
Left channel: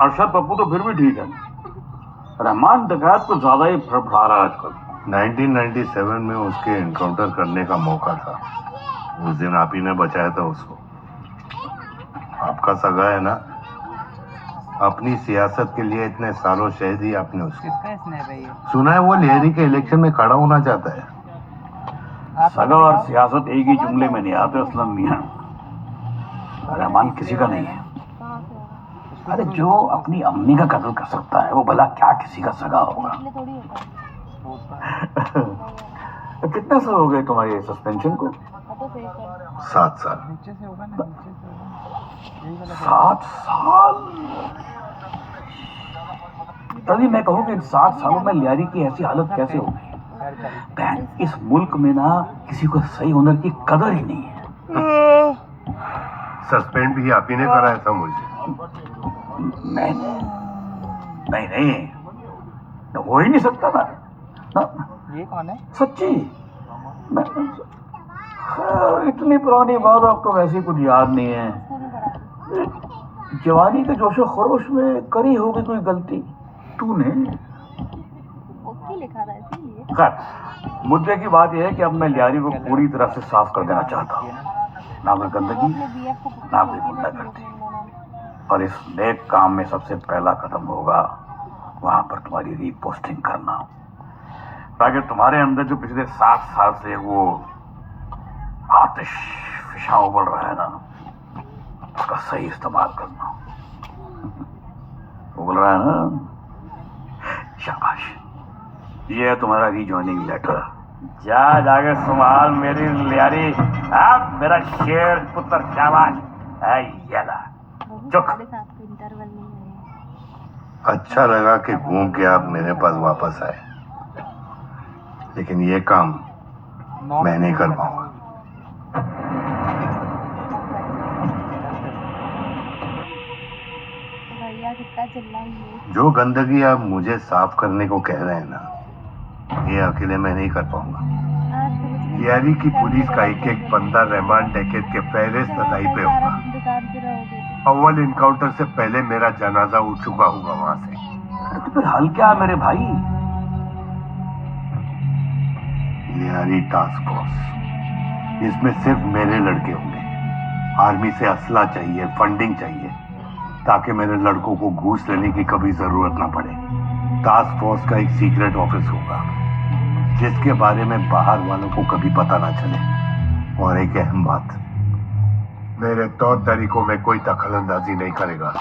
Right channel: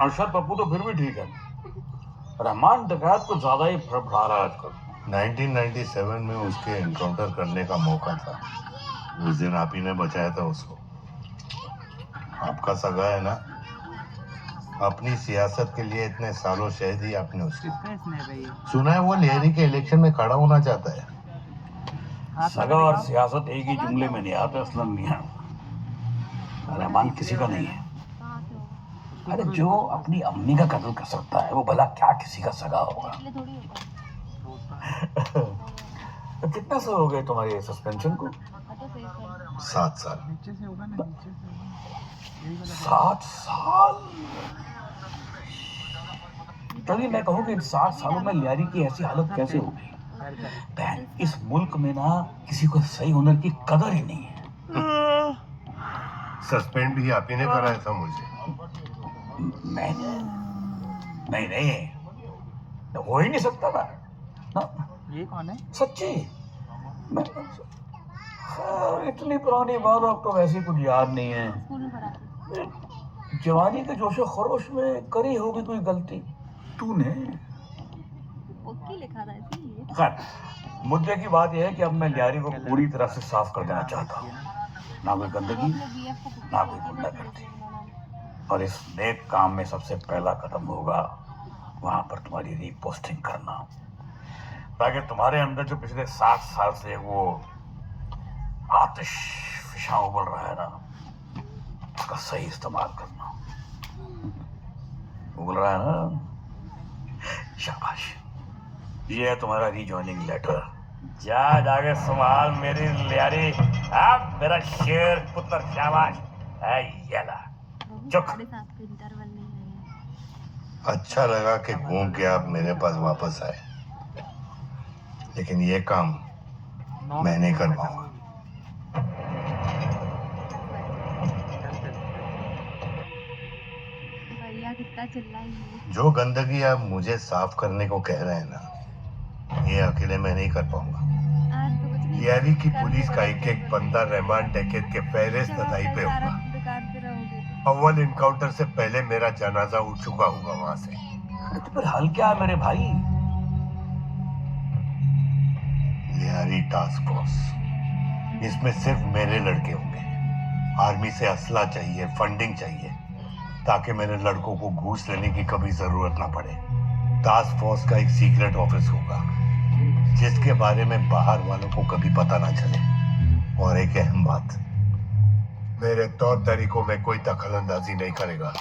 अरशद पप्पू तो फिर भी ठीक है रहमान डकैत को ज्यादा ही फड़फड़ा रहा है आजकल 1997 में उसके एनकाउंटर करने का मौका था उस दिन आप ही ने बचाया था उसको आपका सगा है ना अपनी सियासत के लिए इतने सालों शहीद ही आपने उसकी सुना है वो लेहरी के इलेक्शन में खड़ा होना चाहता है सगा और सियासत एक ही जुमले में नहीं आते असलम मियां रहमान किसी का नहीं है अरे जो अपनी अम्मी का कत्ल कर सकता है वो भला क्या किसी का सगा होगा कितने साल हो गए तुम्हारे सस्पेंशन को 7 साल 7 साल तभी मैं कहूँ कि इन 7 सालों में लियारी की ऐसी हालत कैसे हो गई बहन इस मुल्क में ना किसी को सही हुनर की कदर ही नहीं है सस्पेंड भी आप ही ने कराया था मुझे नहीं हो ही नहीं सकता ना ये कौन है सच्ची मैं इतनी पुरानी बात आपको वैसे कुछ याद नहीं है जवानी के जोशो खरोश में करी होगी कोई गलती तूने खैर मुद्दे की बात यह है कि अब मैं लियारी को पूरी तरह से साफ कर देना चाहता हूँ ना कोई गंदगी ना कोई गुंडागर्दी और इस नेक काम में सबसे पहला कदम होगा वहां पर तुम्हारी रीपोस्टिंग करना ताकि तुम्हारे अंदर जो पिछले 7 साल से वो आतिश फिशा उबल रहा है ना, उसका सही इस्तेमाल करना। उबल रहा है ना? शाबाश, ये है तुम्हारा रीजॉइनिंग लेटर। जाके संभाल मेरी लियारी। अब मेरा शेर पुत्र, शाबाश। ये ला, चुक। अच्छा लगा कि घूम के आप मेरे पास वापस आए, लेकिन ये काम मैं नहीं कर पाऊंगा। जो गंदगी आप मुझे साफ करने को कह रहे हैं ना, ये अकेले मैं नहीं कर पाऊंगा। यारी की पुलिस का एक एक बंदा रहमान डकैत के फहरिस्त तदाई पे होगा। अव्वल इनकाउंटर से पहले मेरा जनाजा उठ चुका होगा वहां से। तो फिर हल क्या है मेरे भाई? लियारी टास्क फोर्स, इसमें सिर्फ मेरे लड़के होंगे। आर्मी से असला चाहिए, फंडिंग चाहिए, ताकि मेरे लड़कों को घूस लेने की कभी जरूरत ना पड़े। टास्क फोर्स का एक सीक्रेट ऑफिस होगा, जिसके बारे में बाहर वालों को कभी पता ना चले। और एक अहम बात, मेरे तौर तरीकों में कोई दखल अंदाजी नहीं करेगा,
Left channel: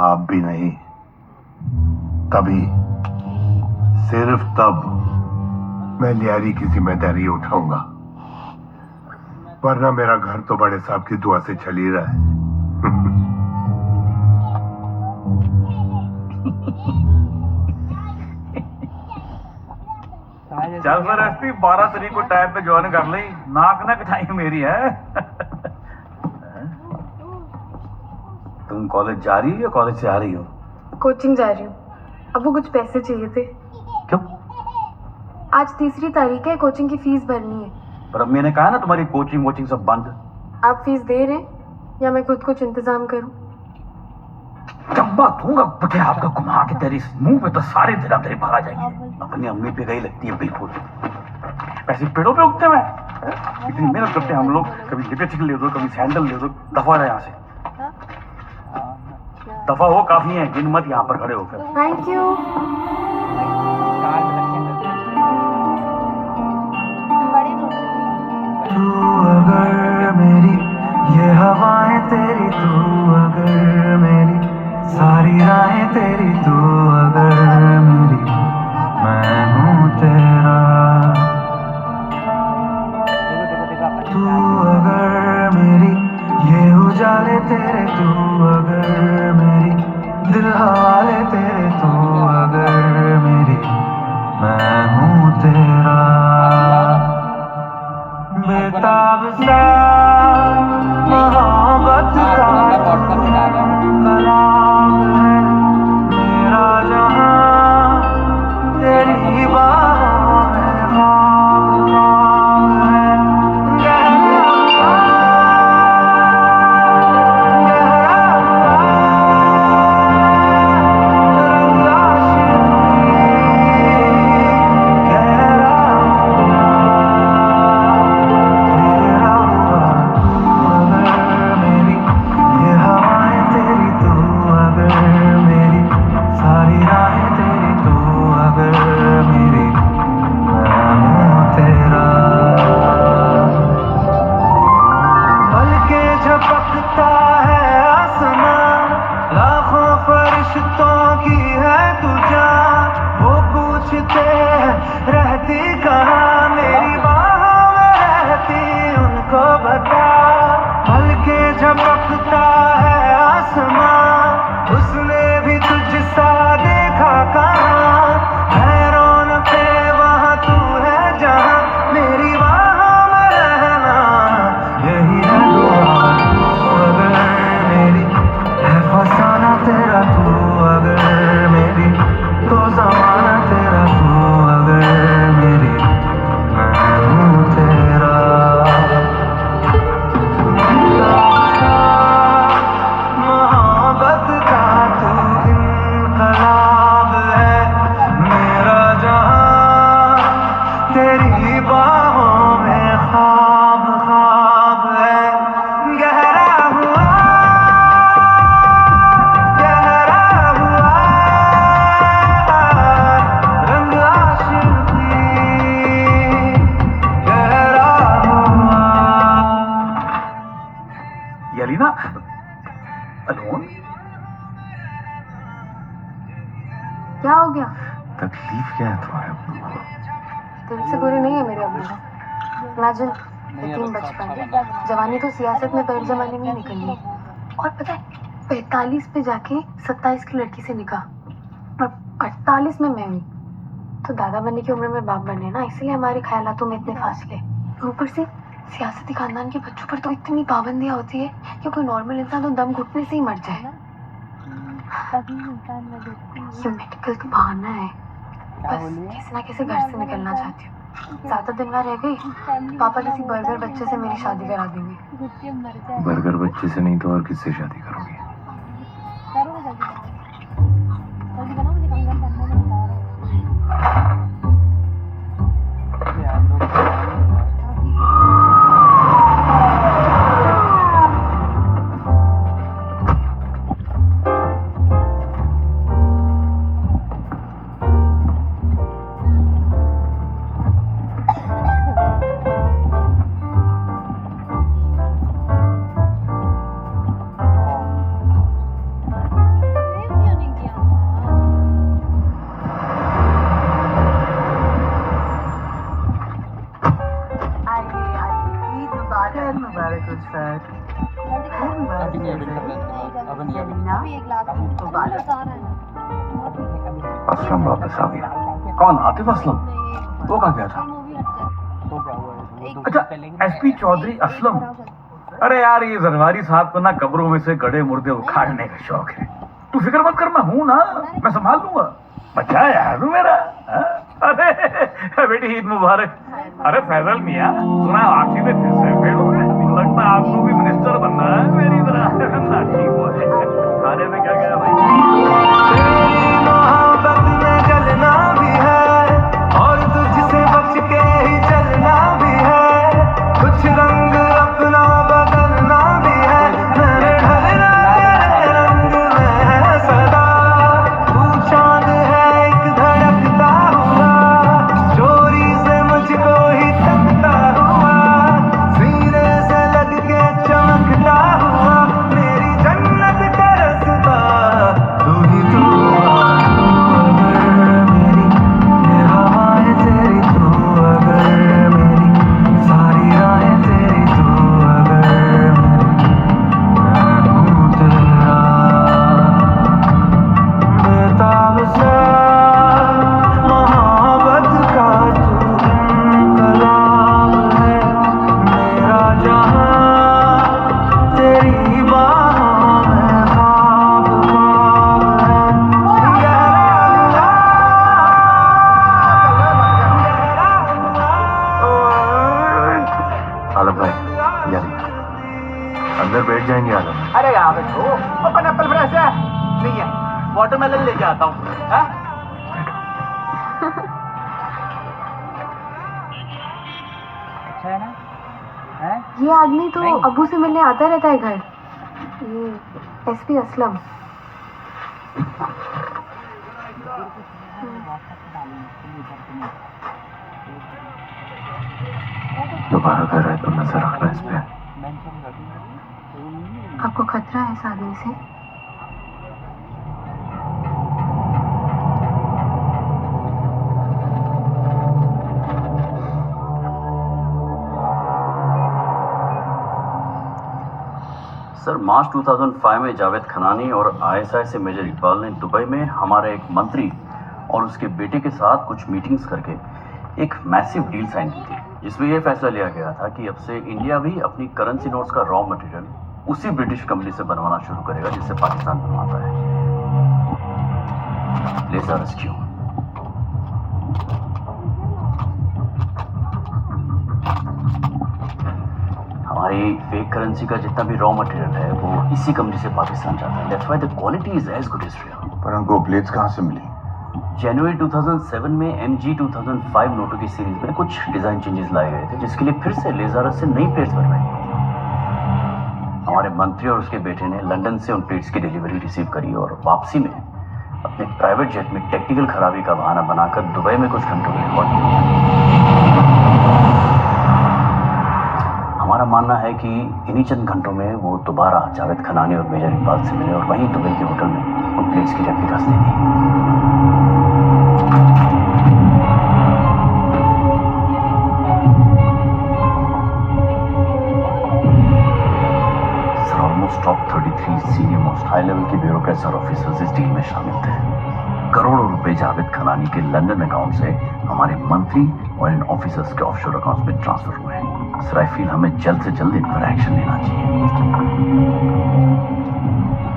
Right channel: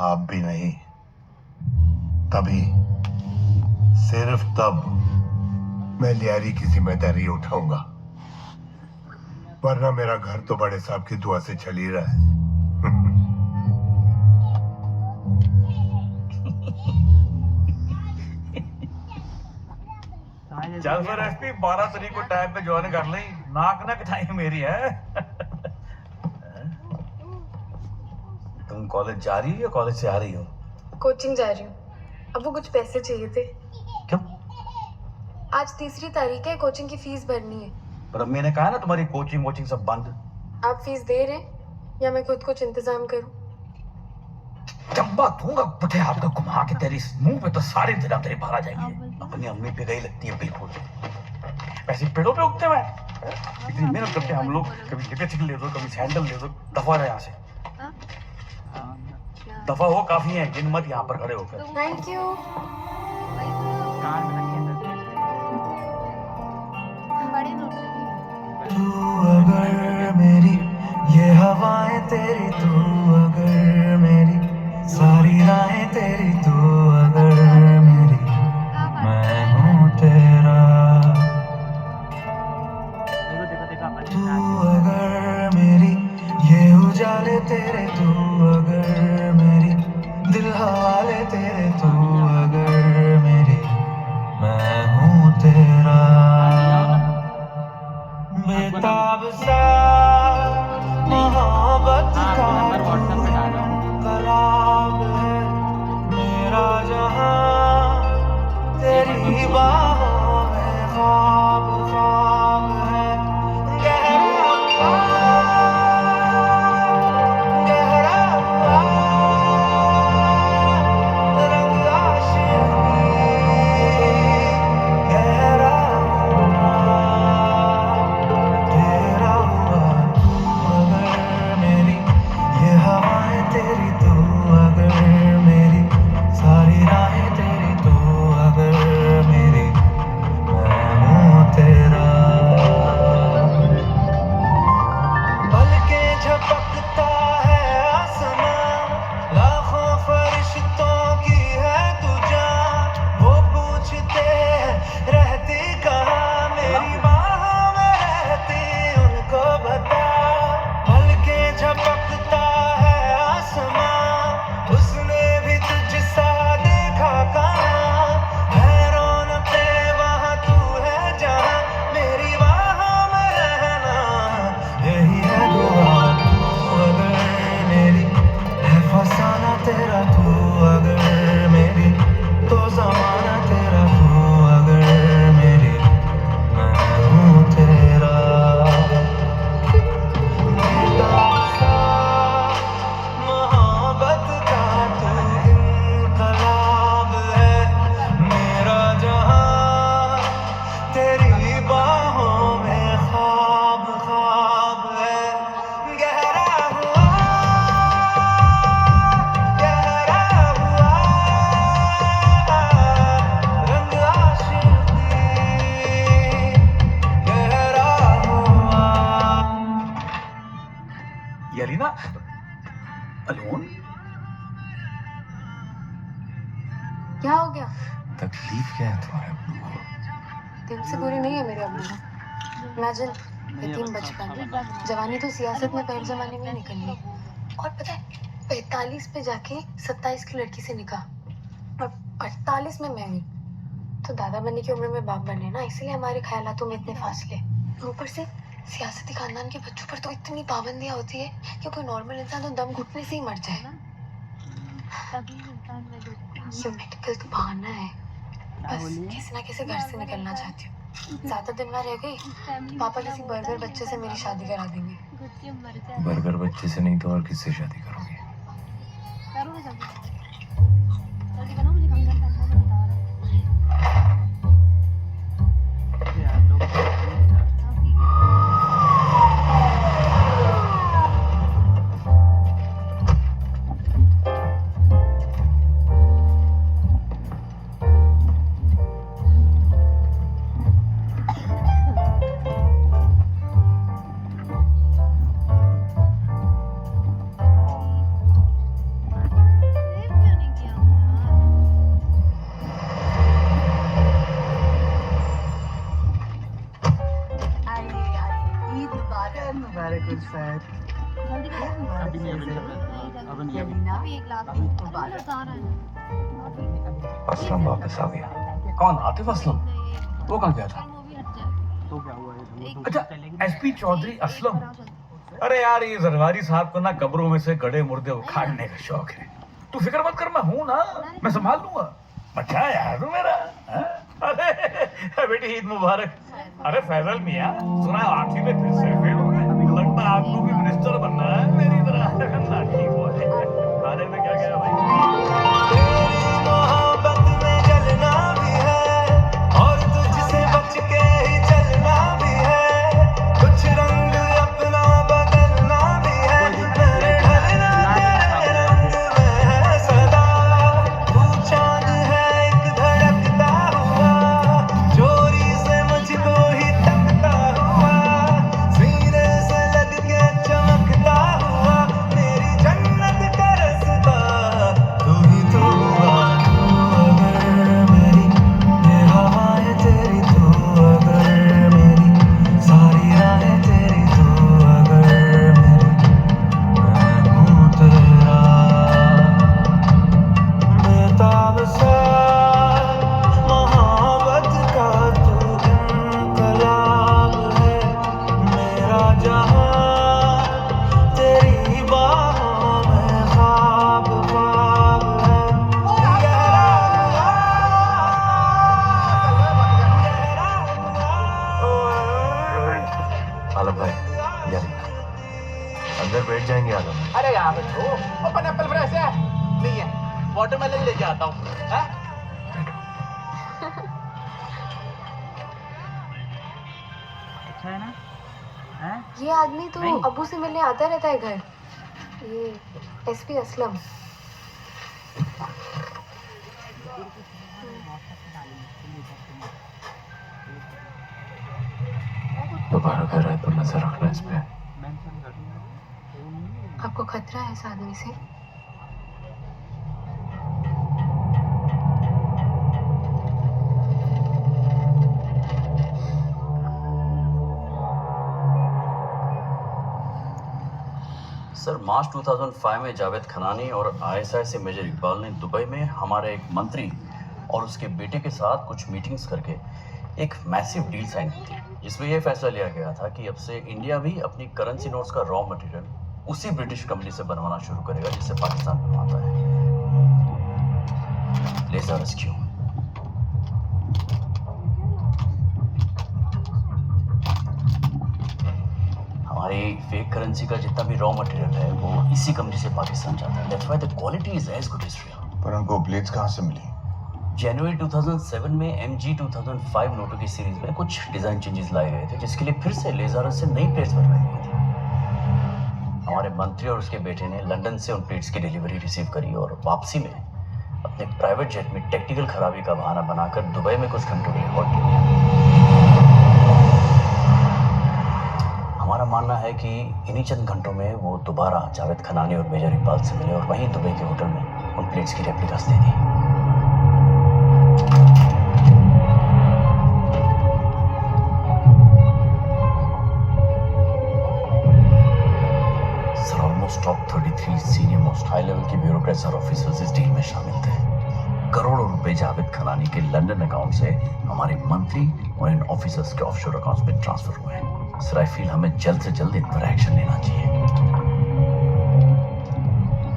आप भी नहीं। तभी, सिर्फ तब मैं लियारी की जिम्मेदारी उठाऊंगा, वरना मेरा घर तो बड़े साहब की दुआ से चल ही रहा है। चल फिर एसपी, 12 तारीख को टाइम पे ज्वाइन कर ली। नाक ना कटाई मेरी है। तुम कॉलेज जा रही हो या कॉलेज से आ रही हो? कोचिंग जा रही हूँ। अब वो कुछ पैसे चाहिए थे। क्यों? आज 3 तारीख है, कोचिंग की फीस भरनी है। पर अब मैंने कहा ना तुम्हारी कोचिंग वोचिंग सब बंद। आप फीस दे रहे हैं या मैं खुद कुछ इंतजाम करूं? चंबा दूंगा पुठे हाथ का घुमा के तेरी मुंह पे तो सारे दिन तेरे बाहर आ जाएंगे। अपनी अम्मी पे गई लगती है बिल्कुल। पैसे पेड़ों पे उगते हुए इतनी मेहनत करते हैं हम लोग। कभी लिपस्टिक ले दो, कभी सैंडल ले दो। दफा रहे यहाँ से, दफा हो। काफी है, गिन मत यहाँ पर खड़े होकर। Thank you. तू अगर मेरी ये हवाएं तेरी, तू अगर मेरी सारी राहें तेरी, तू अगर मेरी मैं हूँ तेरा। तू अगर मेरी ये उजाले तेरे, तू अगर मेरी दिल हवाले तेरे, तू अगर मेरी मैं हूँ तेरा। बेताब सा मोहब्बत का कलाम है मेरा जहां, तेरी बाहों में ख्वाब ख्वाब है। गहरा रंग आशिकी, गहरा तेरा हुआ। तू अगर मेरी ये हवाएं तेरी, तू अगर मेरी सारी राहें तेरी, तू अगर मेरी मैं हूँ तेरा। पलकें झपकता है आसमां, लाखों फरिश्तों की है तू जान। वो पूछते हैं रहती कहाँ, मेरी बाहों में रहती उनको बता। पलकें झपकता है आसमां, उसने भी तुझसा देखा कहाँ। है रौनके वहाँ, तू है जहाँ, मेरी बाहों में रहना यही है दुआ। तू अगर मेरी है फसाना तेरा, तू अगर मेरी तो जमाना तेरा, तू अगर मेरी मैं हूँ तेरा। बेताब सा यलीना अलोन? क्या हो गया? तकलीफ क्या है तुम्हारे अब्बू को? दिल से बुरी नहीं है मेरे अब्बू। इमेजिन यतीम बचपन, जवानी तो सियासत में पहले जमाने में ही निकली, और पता है 45 पे जाके 27 की लड़की से निकाह और 48 में मैं हुई। तो दादा बनने की उम्र में बाप बने ना, इसलिए हमारे ख्यालातों में इतने फासले। ऊपर से सियासती खानदान के बच्चों पर तो इतनी पाबंदियां होती है कि कोई नॉर्मल इंसान तो दम घुटने से ही मर जाए। ये मेडिकल तो बहाना है, बस किसी ना किसी घर से निकलना चाहती हूँ। ज्यादा दिन वहाँ रह गई, पापा किसी बर्गर बच्चे से मेरी शादी करा देंगे। बर्गर बच्चे से नहीं तो और किससे शादी करोगे? असलम वापस आ गया। कौन? आतिफ असलम? वो कहाँ गया था? अच्छा, एसपी चौधरी असलम। अरे यार, ये जरवारी साहब को ना कब्रों में से गड़े मुर्दे उखाड़ने का शौक है। तू फिक्र मत कर, मैं हूं ना, मैं संभाल लूंगा। बच्चा है यार तू मेरा। अरे बेटी, ईद मुबारक। अरे फैजल मियाँ, सुना आखिर में फिर से फेल हो गए? लगता है आपको भी मिनिस्टर बनना है मेरी तरह। ठीक हो खाने में क्या गया भाई? मोहब्बत में जलना भी है और तुझसे बच के ही चलना भी है। कुछ रंग अपना बदलना भी है। मैंने ढलना तेरे रंग में है सदा। तू चांद है एक धड़कता हुआ, चोरी से मुझको ही तकता हुआ, सीने से लग के चमकता हुआ, मेरी जन्नत का रास्ता तू ही तू। आलम भाई, यार अंदर बैठ जाएंगे आलम। अरे यहाँ बैठो। पाइनएप्पल फ्रेश है? नहीं है, वाटरमेलन लेके आता हूँ। अच्छा है ना? ये आदमी तो अबू से मिलने आता रहता है घर। ये एसपी असलम। दोबारा घर आए तो नजर रखना इस पे। आपको खतरा है इस आदमी से? सर, मार्च 2005 में जावेद खनानी और आईएसआई से मेजर इकबाल ने दुबई में हमारे एक मंत्री और उसके बेटे के साथ कुछ मीटिंग्स करके एक मैसिव डील साइन की थी, जिसमें यह फैसला लिया गया था कि अब से इंडिया भी अपनी करेंसी नोट्स का रॉ मटेरियल उसी ब्रिटिश कंपनी से बनवाना शुरू करेगा जिससे पाकिस्तान बनवाता है। लेजर रेस्क्यू। हमारी फेक करेंसी का जितना भी रॉ मटेरियल है वो इसी कंपनी से पाकिस्तान जाता है। That's why the quality is as good as real. पर उनको प्लेट्स कहाँ से मिली? जनवरी 2007 में MG 2005 नोटों की सीरीज में कुछ डिजाइन चेंजेस लाए गए थे, जिसके लिए फिर से लेजर से नई प्लेट्स बनवाई गई थी। हमारे मंत्री और उसके बेटे ने लंदन से उन प्लेट्स की डिलीवरी रिसीव करी और वापसी में अपने प्राइवेट जेट में टेक्निकल खराबी का बहाना बनाकर दुबई में कुछ घंटों के लिए हॉल्ट किया। हमारा हमारा मानना है कि इन्हीं चंद घंटों में वो दोबारा जावेद खनानी और मेजर इकबाल से मिले और वहीं दुबई के होटल में उन प्लेट्स की रेप्लिकास दे दी। Sir, almost top 33 senior most high level के ब्यूरोक्रेट्स और ऑफिसर्स इस डील में शामिल थे। करोड़ों रुपए जावेद खनानी के लंदन अकाउंट से हमारे मंत्री और इन ऑफिसर्स के ऑफशोर अकाउंट्स में ट्रांसफर हुए हैं। सर, आई फील हमें जल्द से जल्द इन पर एक्शन लेना चाहिए।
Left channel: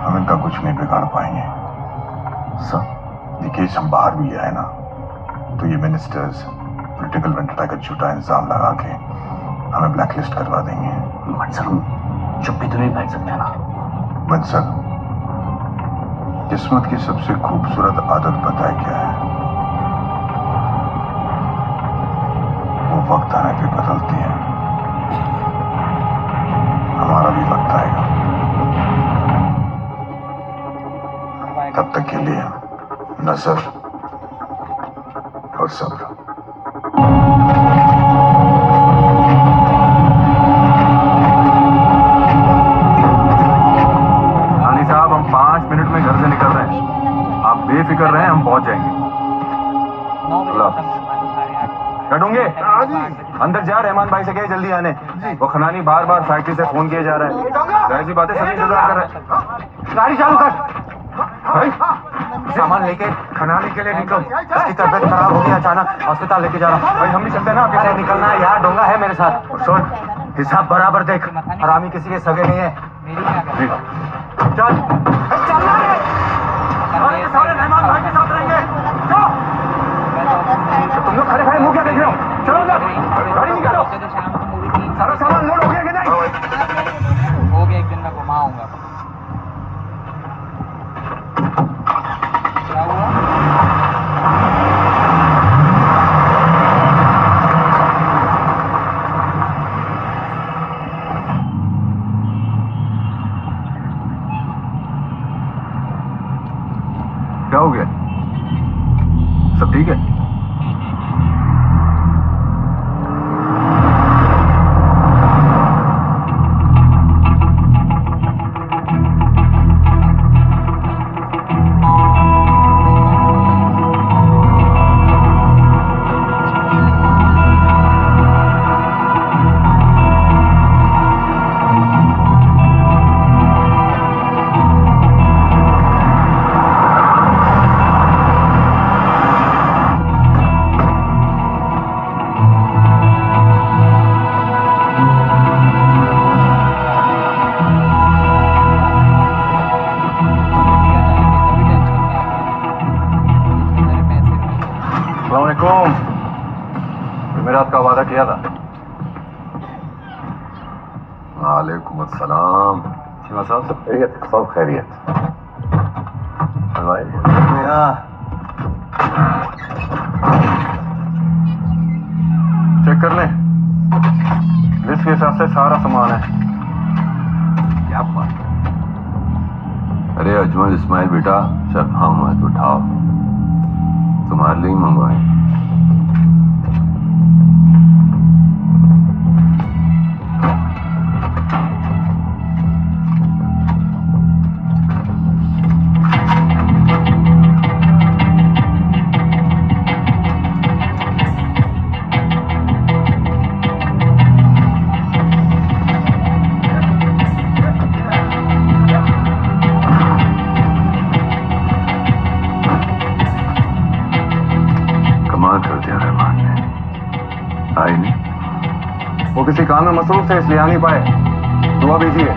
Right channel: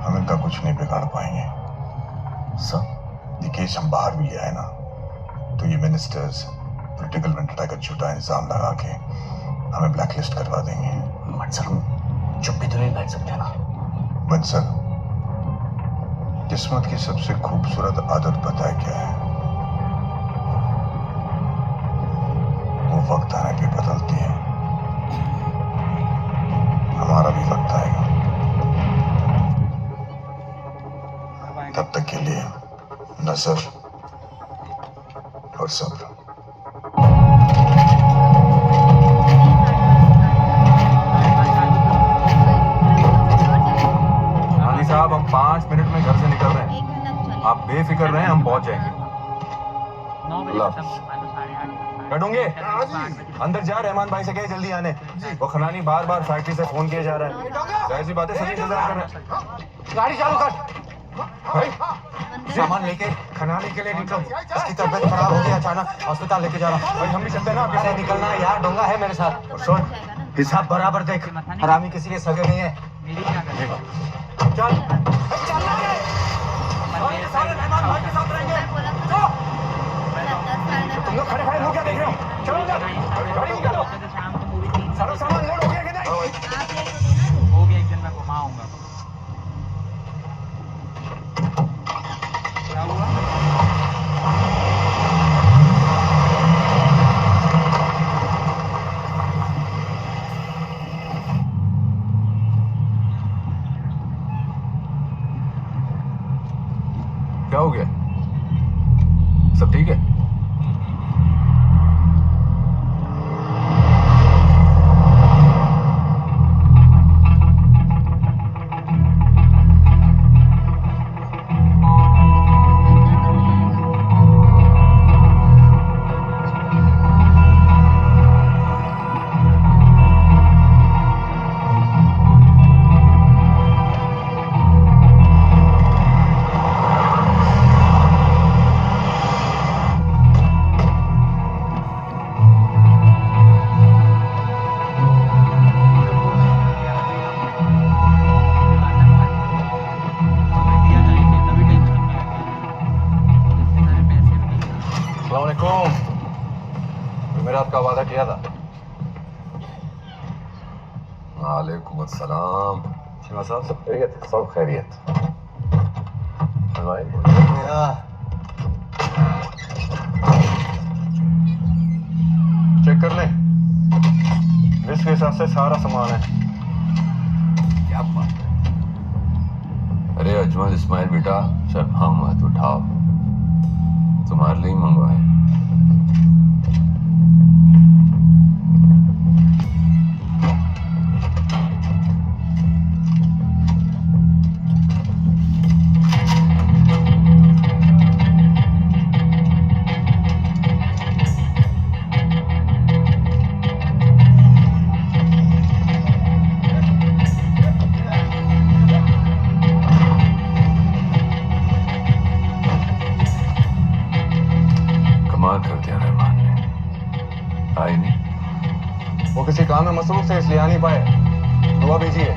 हम इनका कुछ नहीं बिगाड़ पाएंगे सर। ये केस हम बाहर भी ले आए ना तो ये मिनिस्टर्स पॉलिटिकल वेंडटा का झूठा इंजाम लगा के हमें ब्लैकलिस्ट करवा देंगे। बट सर, हम चुप भी तो नहीं बैठ सकते ना। बट सर, किस्मत की सबसे खूबसूरत आदत पता है क्या है? वो वक्त आने पे बदलती है। हमारा भी वक्त आएगा। तब तक के लिए नजर और सब्र। रानी साहब, हम 5 मिनट में घर से निकल रहे हैं। आप बेफिक्र रहें, हम पहुंच जाएंगे। अल्लाह हाफ़िज़। कटूंगे अंदर जा, रहमान भाई से कहे जल्दी आने। वो खनानी बार बार फैक्ट्री से फोन किया जा रहा है। जाहिर सी बात है, सभी इंतजार कर रहे हैं। गाड़ी चालू कर भाई, सामान लेके खनानी के लिए निकलो। इसकी तबीयत खराब हो गई, अचानक अस्पताल लेके जा रहा हूँ। भाई हम भी चलते हैं ना, आपके साथ निकलना है यार, डोंगा है मेरे साथ। और सुन, हिसाब बराबर देख, हरामी किसी के सगे नहीं है। चल सारे रहमान भाई के साथ रहेंगे। तुम लोग खड़े खड़े मुंह क्या देख रहे हो? चलो अंदर, गाड़ी निकालो। सारा सामान लोड हो गया कि नहीं? वो भी एक दिन में घुमाऊंगा। क्या हुआ? क्या हो गया? सब ठीक है? जुमेरात का वादा किया था। वालेकुम अस्सलाम। शिवा साहब, सब खैरियत? सब खैरियत। चेक कर ले, लिस्ट के हिसाब से सारा सामान है। क्या बात? अरे अजमल इस्माइल बेटा, शर्मा मत उठाओ, तुम्हारे लिए मंगवाए। वो किसी काम में मसरूफ थे, इसलिए आ नहीं पाए। दुआ भेजिए।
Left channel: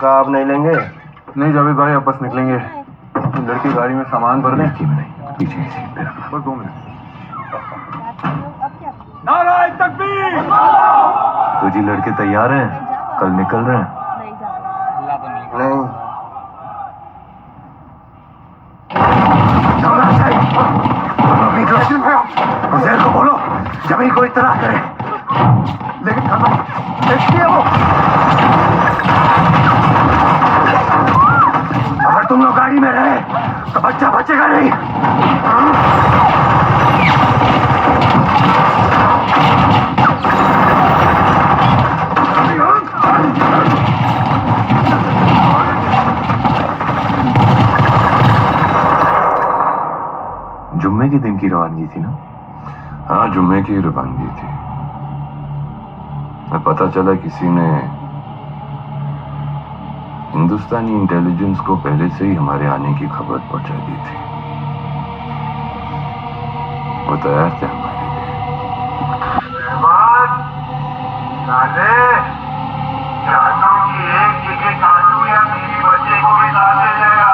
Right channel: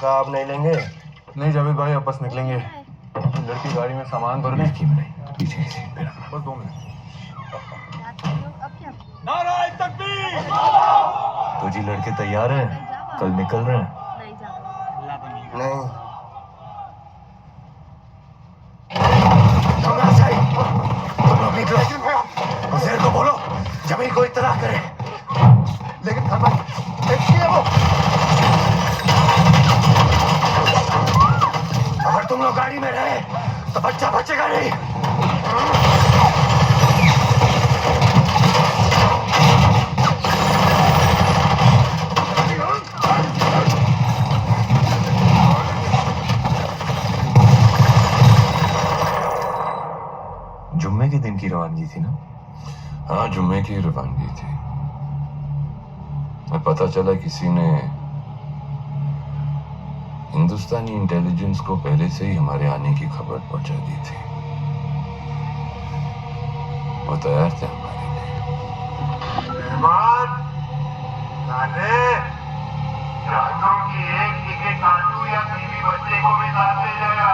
पक्का आप नहीं लेंगे? नहीं जावेद भाई, अब बस निकलेंगे। लड़की गाड़ी में सामान भरने। लड़की में नहीं, पीछे की सीट पे रखना। बस 2 मिनट। नारायण तकबीर। तो जी लड़के तैयार हैं, कल निकल रहे हैं? नहीं। उजैर को बोलो जमीन को इत्तला करे। लेकिन खान भाई देखिए वो, अगर तुम लोग गाड़ी में रहे तो बच्चा बचेगा नहीं। जुम्मे के दिन की रवानगी थी ना? हाँ, जुम्मे की रवानगी थी। मैं पता चला किसी ने हिंदुस्तानी इंटेलिजेंस को पहले से ही हमारे आने की खबर पहुंचा दी थी। वो तैयार थे हमारे लिए। जादू की एक टिकट काटू या मेरी बच्चे को भी साथ ले जाएगा।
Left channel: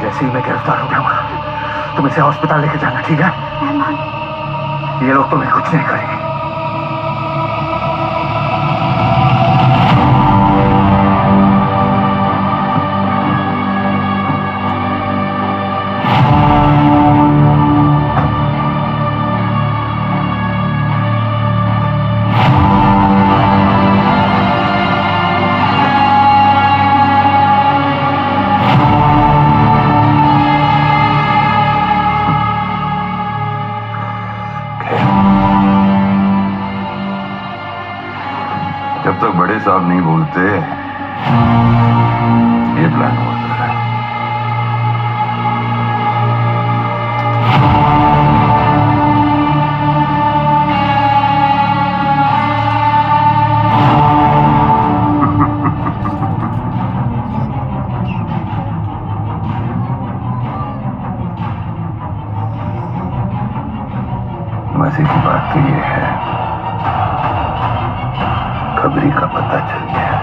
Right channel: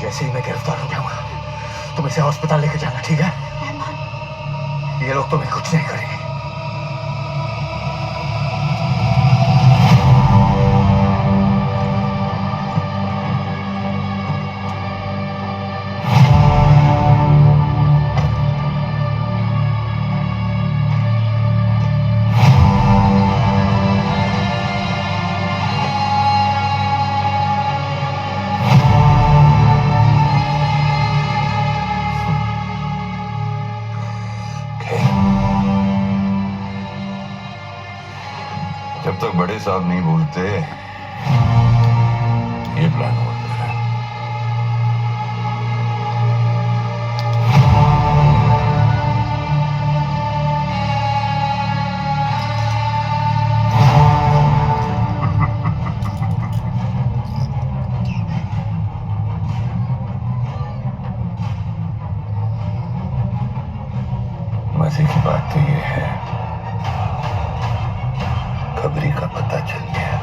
जैसे ही मैं गिरफ्तार हो जाऊंगा तुम इसे अस्पताल लेके जाना, ठीक है? ये लोग तुम्हें कुछ नहीं करेंगे। जब तक बड़े साहब नहीं बोलते ये प्लान होता है। मजे की बात तो ये है, खबरी का पता चल गया।